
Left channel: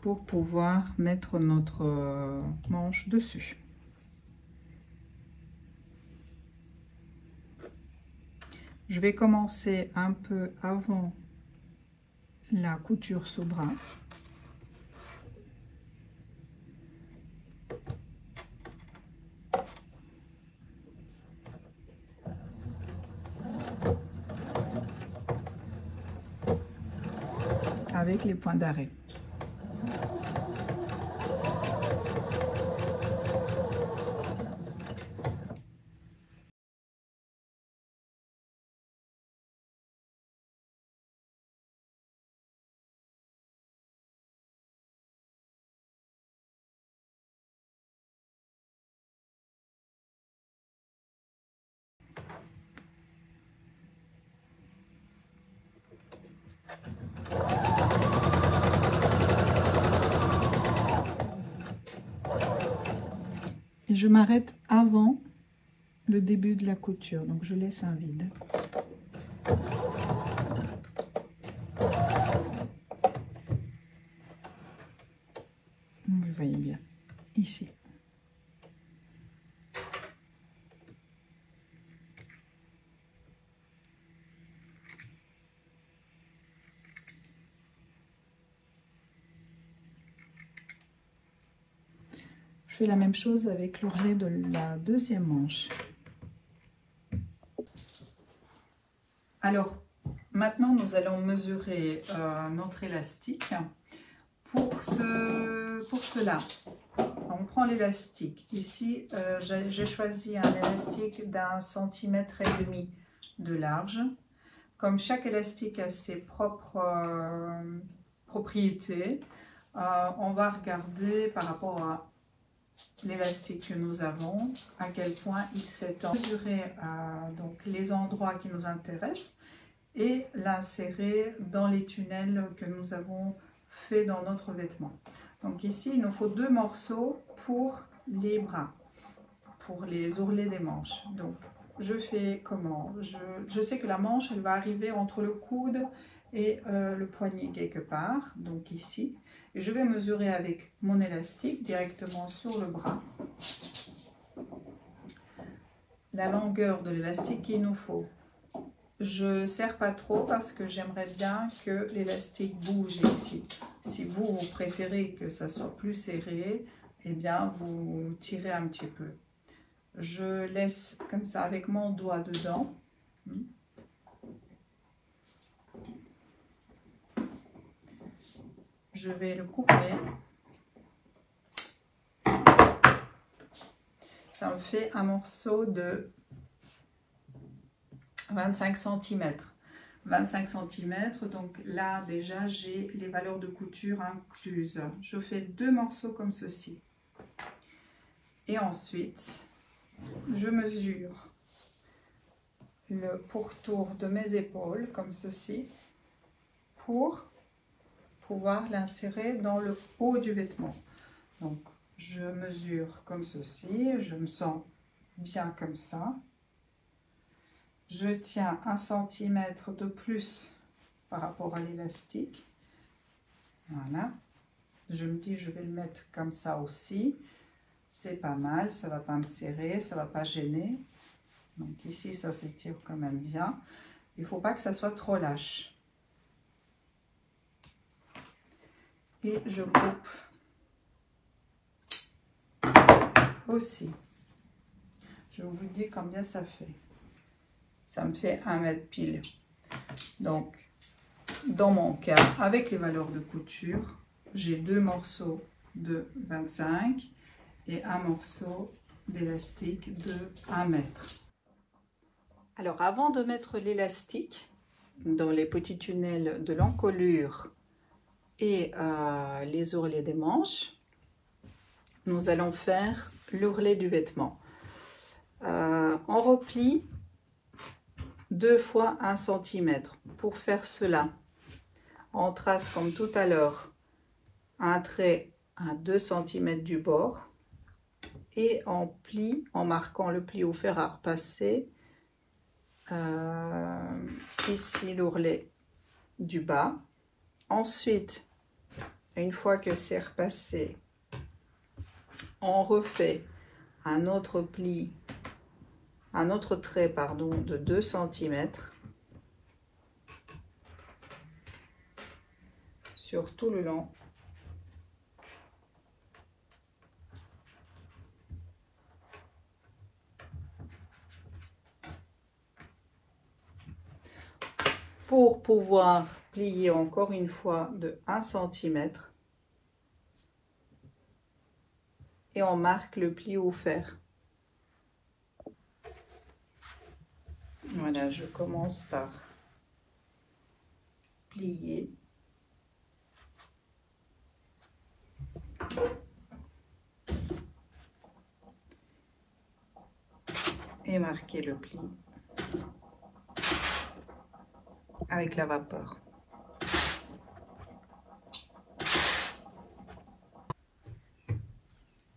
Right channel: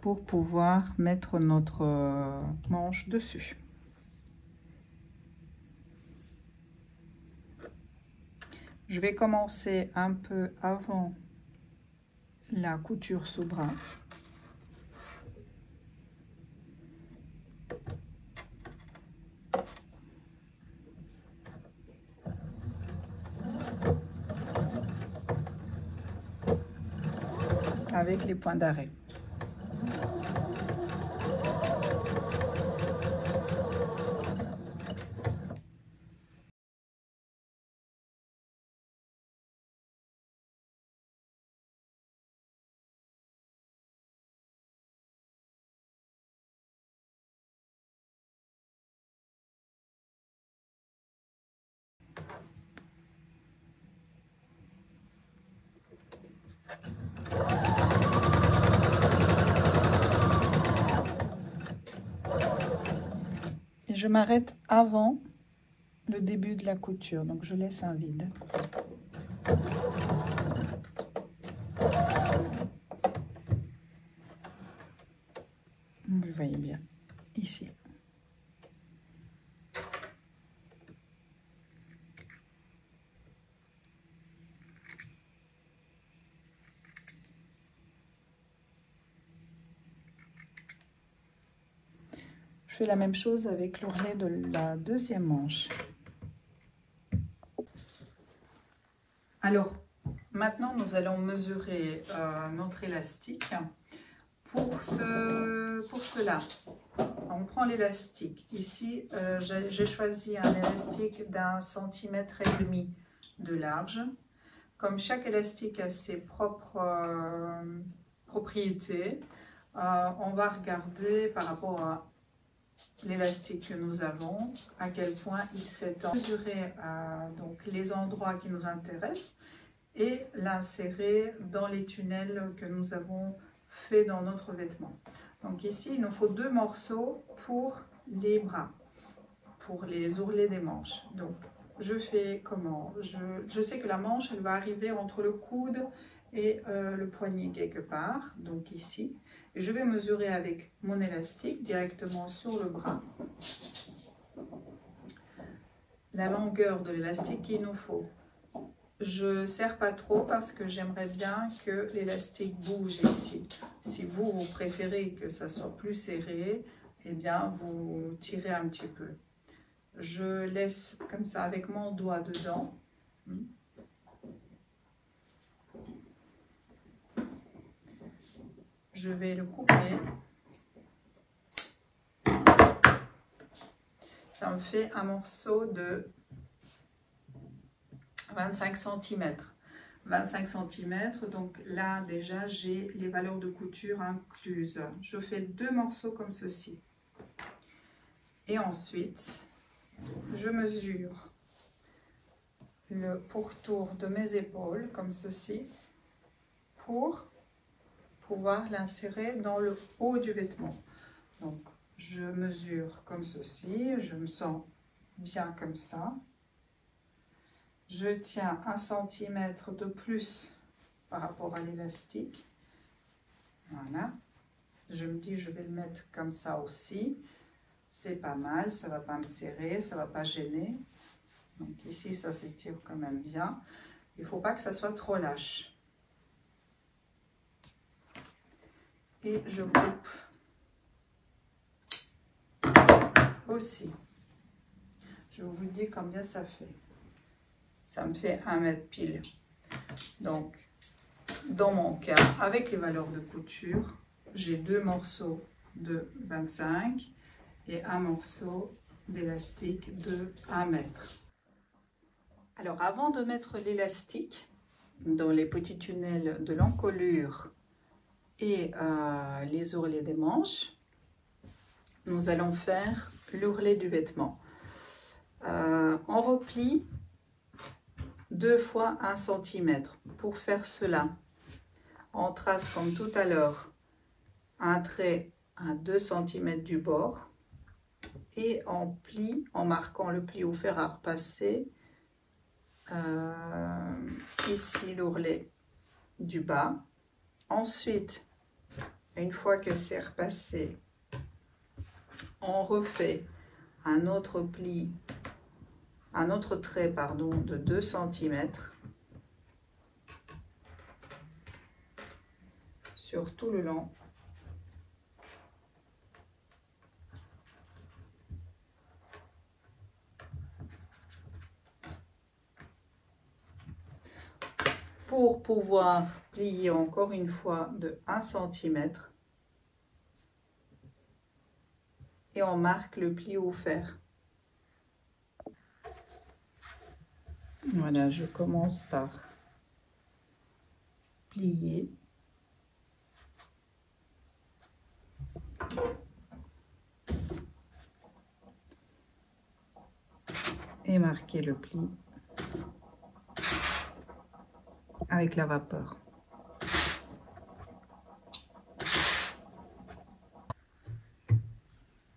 pour pouvoir mettre notre manche dessus. Je vais commencer un peu avant la couture sous bras. Avec les points d'arrêt. Et je m'arrête avant le début de la couture, donc je laisse un vide. Vous voyez bien, ici. Je fais la même chose avec l'ourlet de la deuxième manche. Alors, maintenant nous allons mesurer notre élastique. Pour cela, on prend l'élastique. Ici, j'ai choisi un élastique d'1,5 centimètre de large. Comme chaque élastique a ses propres propriétés, on va regarder par rapport à l'élastique que nous avons, à quel point il s'étend. Mesurer donc les endroits qui nous intéressent et l'insérer dans les tunnels que nous avons fait dans notre vêtement. Donc ici, il nous faut 2 morceaux pour les bras, pour les ourlets des manches. Donc je fais comment? Je sais que la manche, elle va arriver entre le coude et le poignet quelque part, donc ici. Et je vais mesurer avec mon élastique directement sur le bras la longueur de l'élastique qu'il nous faut. Je ne serre pas trop parce que j'aimerais bien que l'élastique bouge ici. Si vous préférez que ça soit plus serré, eh bien vous tirez un petit peu. Je laisse comme ça avec mon doigt dedans. Je vais le couper. Ça me fait un morceau de 25 cm. 25 cm, donc là déjà j'ai les valeurs de couture incluses. Je fais 2 morceaux comme ceci. Et ensuite, je mesure le pourtour de mes épaules comme ceci pour pouvoir l'insérer dans le haut du vêtement. Donc je mesure comme ceci, je me sens bien comme ça. Je tiens 1 cm de plus par rapport à l'élastique. Voilà. Je me dis je vais le mettre comme ça aussi. C'est pas mal, ça va pas me serrer, ça va pas gêner. Donc ici ça s'étire quand même bien. Il faut pas que ça soit trop lâche. Et je coupe aussi. Je vous dis combien ça fait. Ça me fait 1 mètre pile. Donc dans mon cas, avec les valeurs de couture, j'ai 2 morceaux de 25 et un morceau d'élastique de 1 mètre. Alors avant de mettre l'élastique dans les petits tunnels de l'encolure et les ourlets des manches, nous allons faire l'ourlet du vêtement. On replie 2 fois 1 cm. Pour faire cela, on trace comme tout à l'heure un trait à 2 cm du bord et on plie en marquant le pli au fer à repasser. Ici l'ourlet du bas. Ensuite, une fois que c'est repassé, on refait un autre pli, un autre trait pardon, de 2 cm sur tout le long. Pour pouvoir plier encore une fois de 1 cm et on marque le pli au fer. Voilà, je commence par plier. Et marquer le pli avec la vapeur.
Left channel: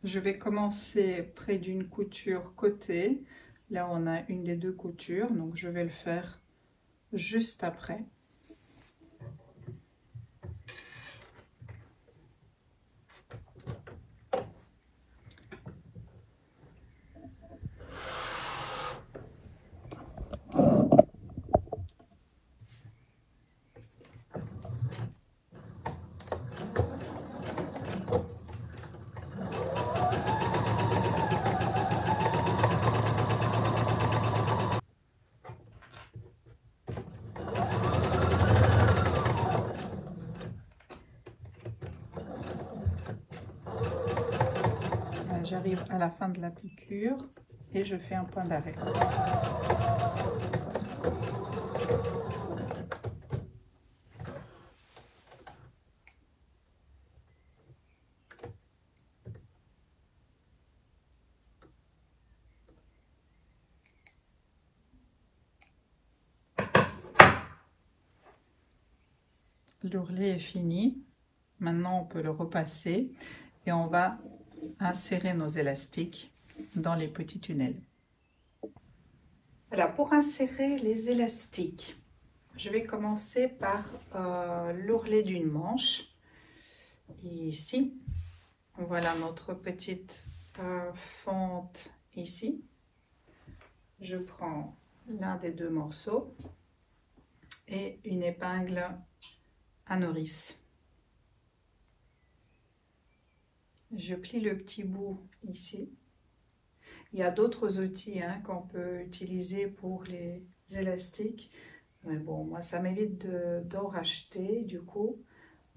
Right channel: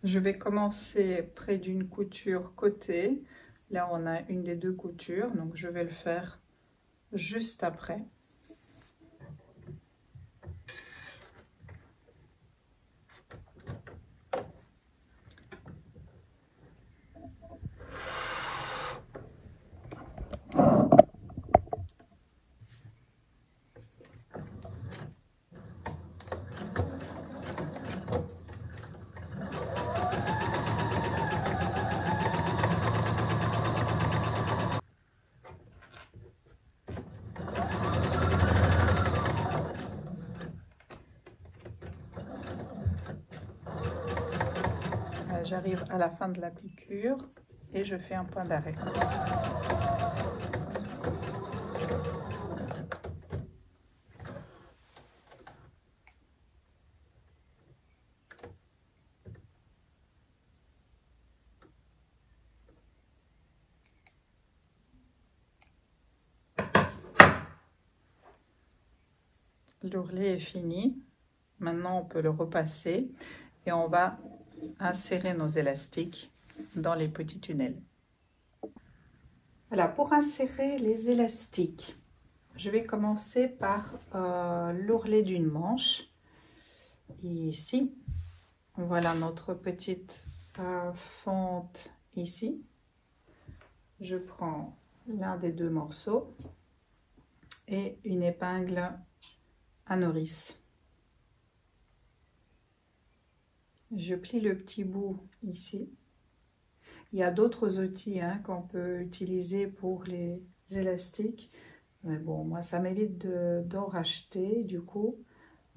Je vais commencer près d'une couture côté. Là, on a une des 2 coutures, donc je vais le faire juste après. J'arrive à la fin de la piqûre et je fais un point d'arrêt. L'ourlet est fini. Maintenant, on peut le repasser et on va insérer nos élastiques dans les petits tunnels. Voilà, pour insérer les élastiques, je vais commencer par l'ourlet d'une manche. Ici, voilà notre petite fente ici. Je prends l'un des 2 morceaux et une épingle à nourrice. Je plie le petit bout ici. Il y a d'autres outils qu'on peut utiliser pour les élastiques. Mais bon, moi, ça m'évite d'en racheter. Du coup,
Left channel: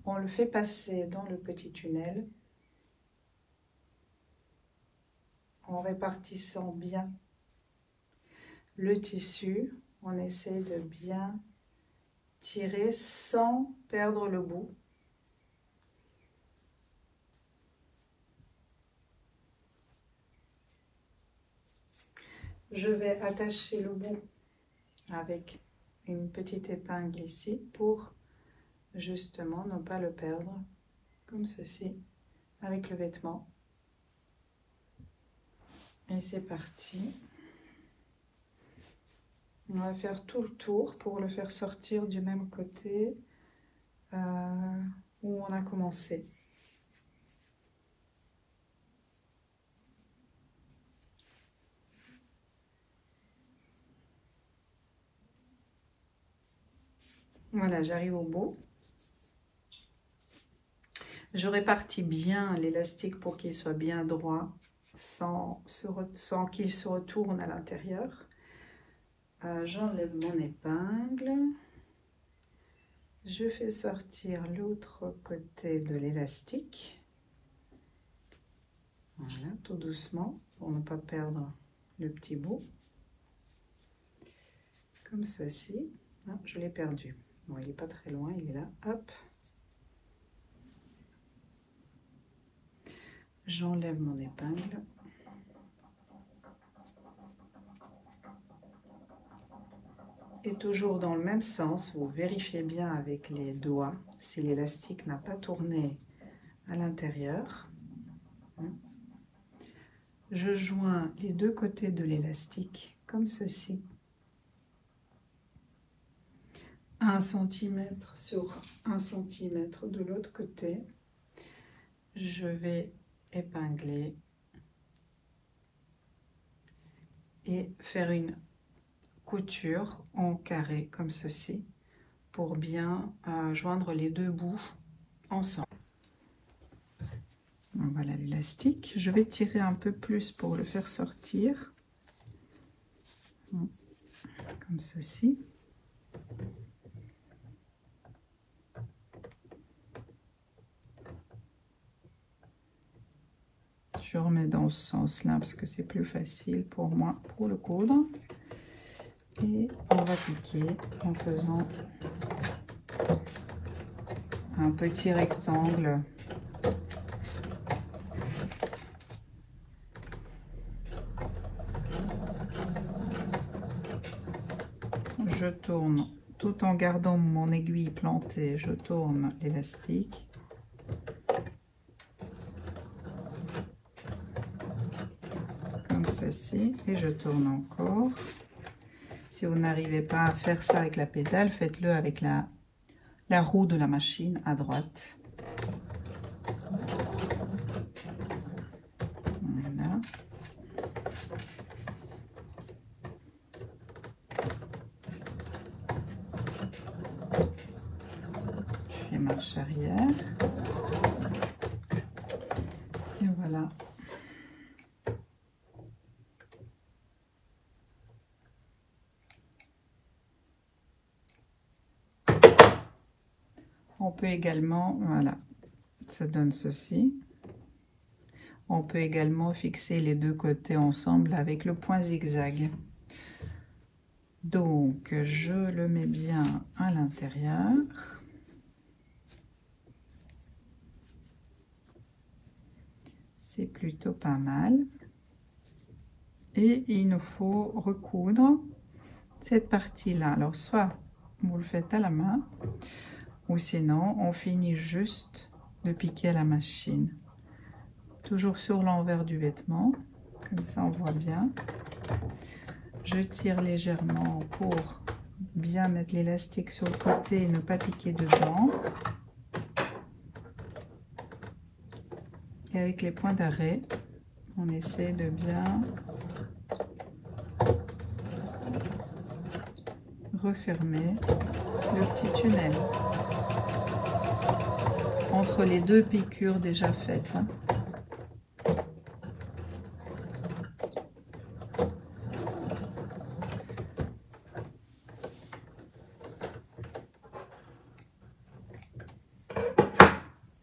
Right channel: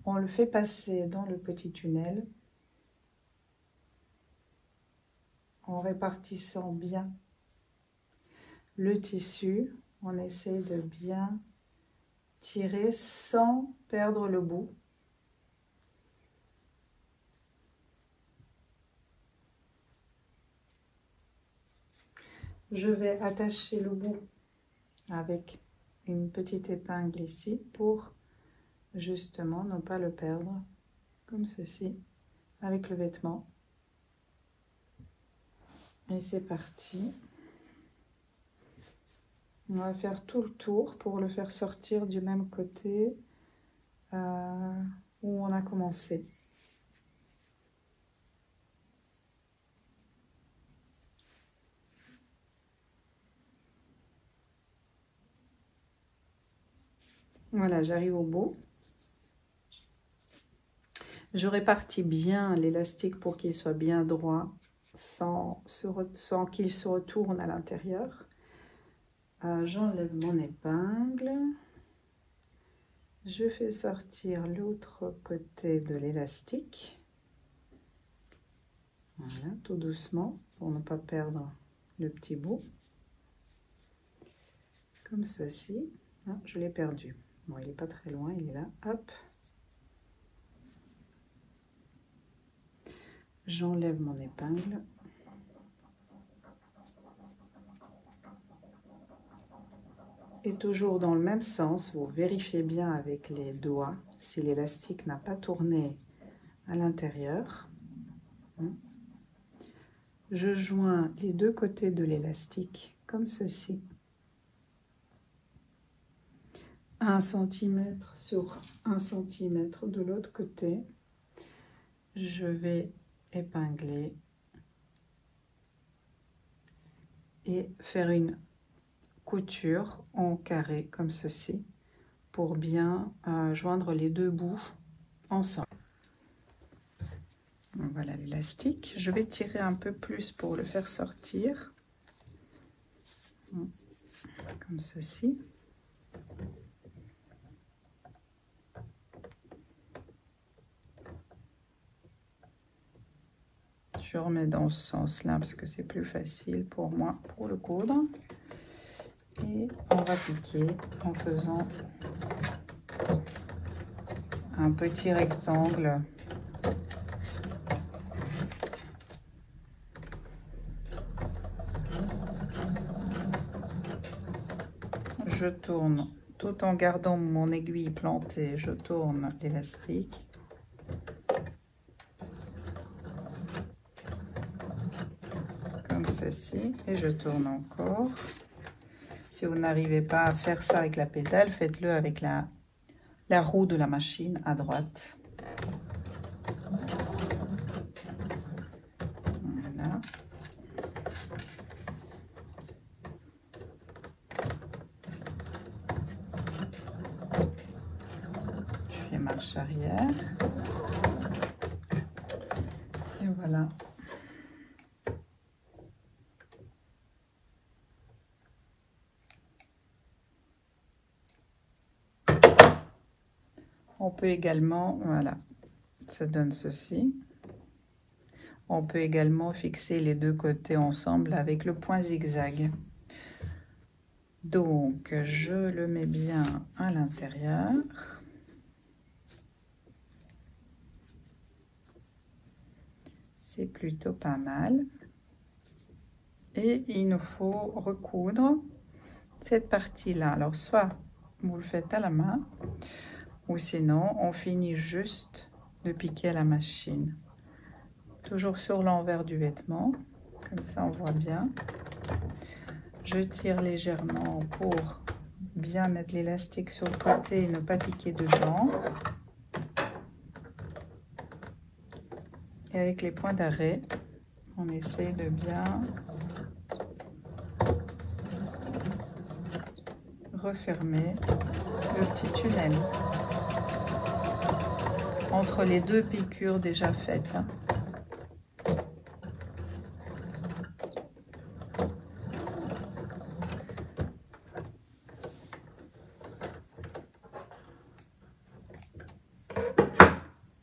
on le fait passer dans le petit tunnel en répartissant bien le tissu on essaie de bien tirer sans perdre le bout. Je vais attacher le bout avec une petite épingle ici pour justement ne pas le perdre, comme ceci, avec le vêtement. Et c'est parti. On va faire tout le tour pour le faire sortir du même côté où on a commencé. Voilà, j'arrive au bout. Je répartis bien l'élastique pour qu'il soit bien droit, sans qu'il se retourne à l'intérieur. J'enlève mon épingle. Je fais sortir l'autre côté de l'élastique. Voilà, tout doucement, pour ne pas perdre le petit bout. Comme ceci. Ah, je l'ai perdu. Bon, il n'est pas très loin, il est là. Hop. J'enlève mon épingle. Et toujours dans le même sens, vous vérifiez bien avec les doigts si l'élastique n'a pas tourné à l'intérieur. Je joins les deux côtés de l'élastique comme ceci. 1 cm sur 1 cm de l'autre côté. Je vais épingler et faire une couture en carré comme ceci pour bien joindre les deux bouts ensemble. Voilà l'élastique. Je vais tirer un peu plus pour le faire sortir comme ceci. Je remets dans ce sens-là parce que c'est plus facile pour moi pour le coudre. Et on va piquer en faisant un petit rectangle. Je tourne tout en gardant mon aiguille plantée, je tourne l'élastique. Comme ceci, et je tourne encore. Si vous n'arrivez pas à faire ça avec la pédale, faites-le avec la roue de la machine à droite. Voilà. Je fais marche arrière. Et voilà. On peut également, voilà, ça donne ceci. On peut également fixer les deux côtés ensemble avec le point zigzag. Donc, je le mets bien à l'intérieur. C'est plutôt pas mal. Et il nous faut recoudre cette partie-là. Alors, soit vous le faites à la main, ou sinon, on finit juste de piquer à la machine. Toujours sur l'envers du vêtement, comme ça on voit bien. Je tire légèrement pour bien mettre l'élastique sur le côté et ne pas piquer dedans. Et avec les points d'arrêt, on essaie de bien refermer le petit tunnel entre les deux piqûres déjà faites.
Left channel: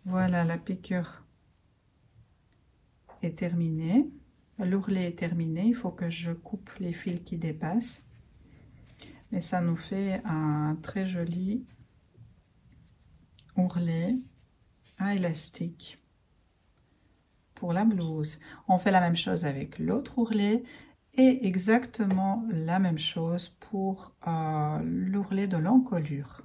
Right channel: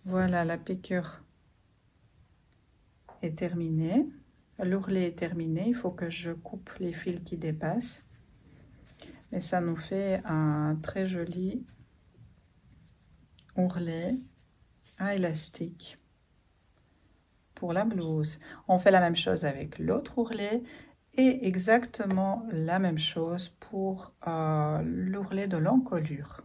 Voilà, la piqûre est terminée. L'ourlet est terminé. Il faut que je coupe les fils qui dépassent. Et ça nous fait un très joli ourlet à élastique pour la blouse. On fait la même chose avec l'autre ourlet et exactement la même chose pour l'ourlet de l'encolure.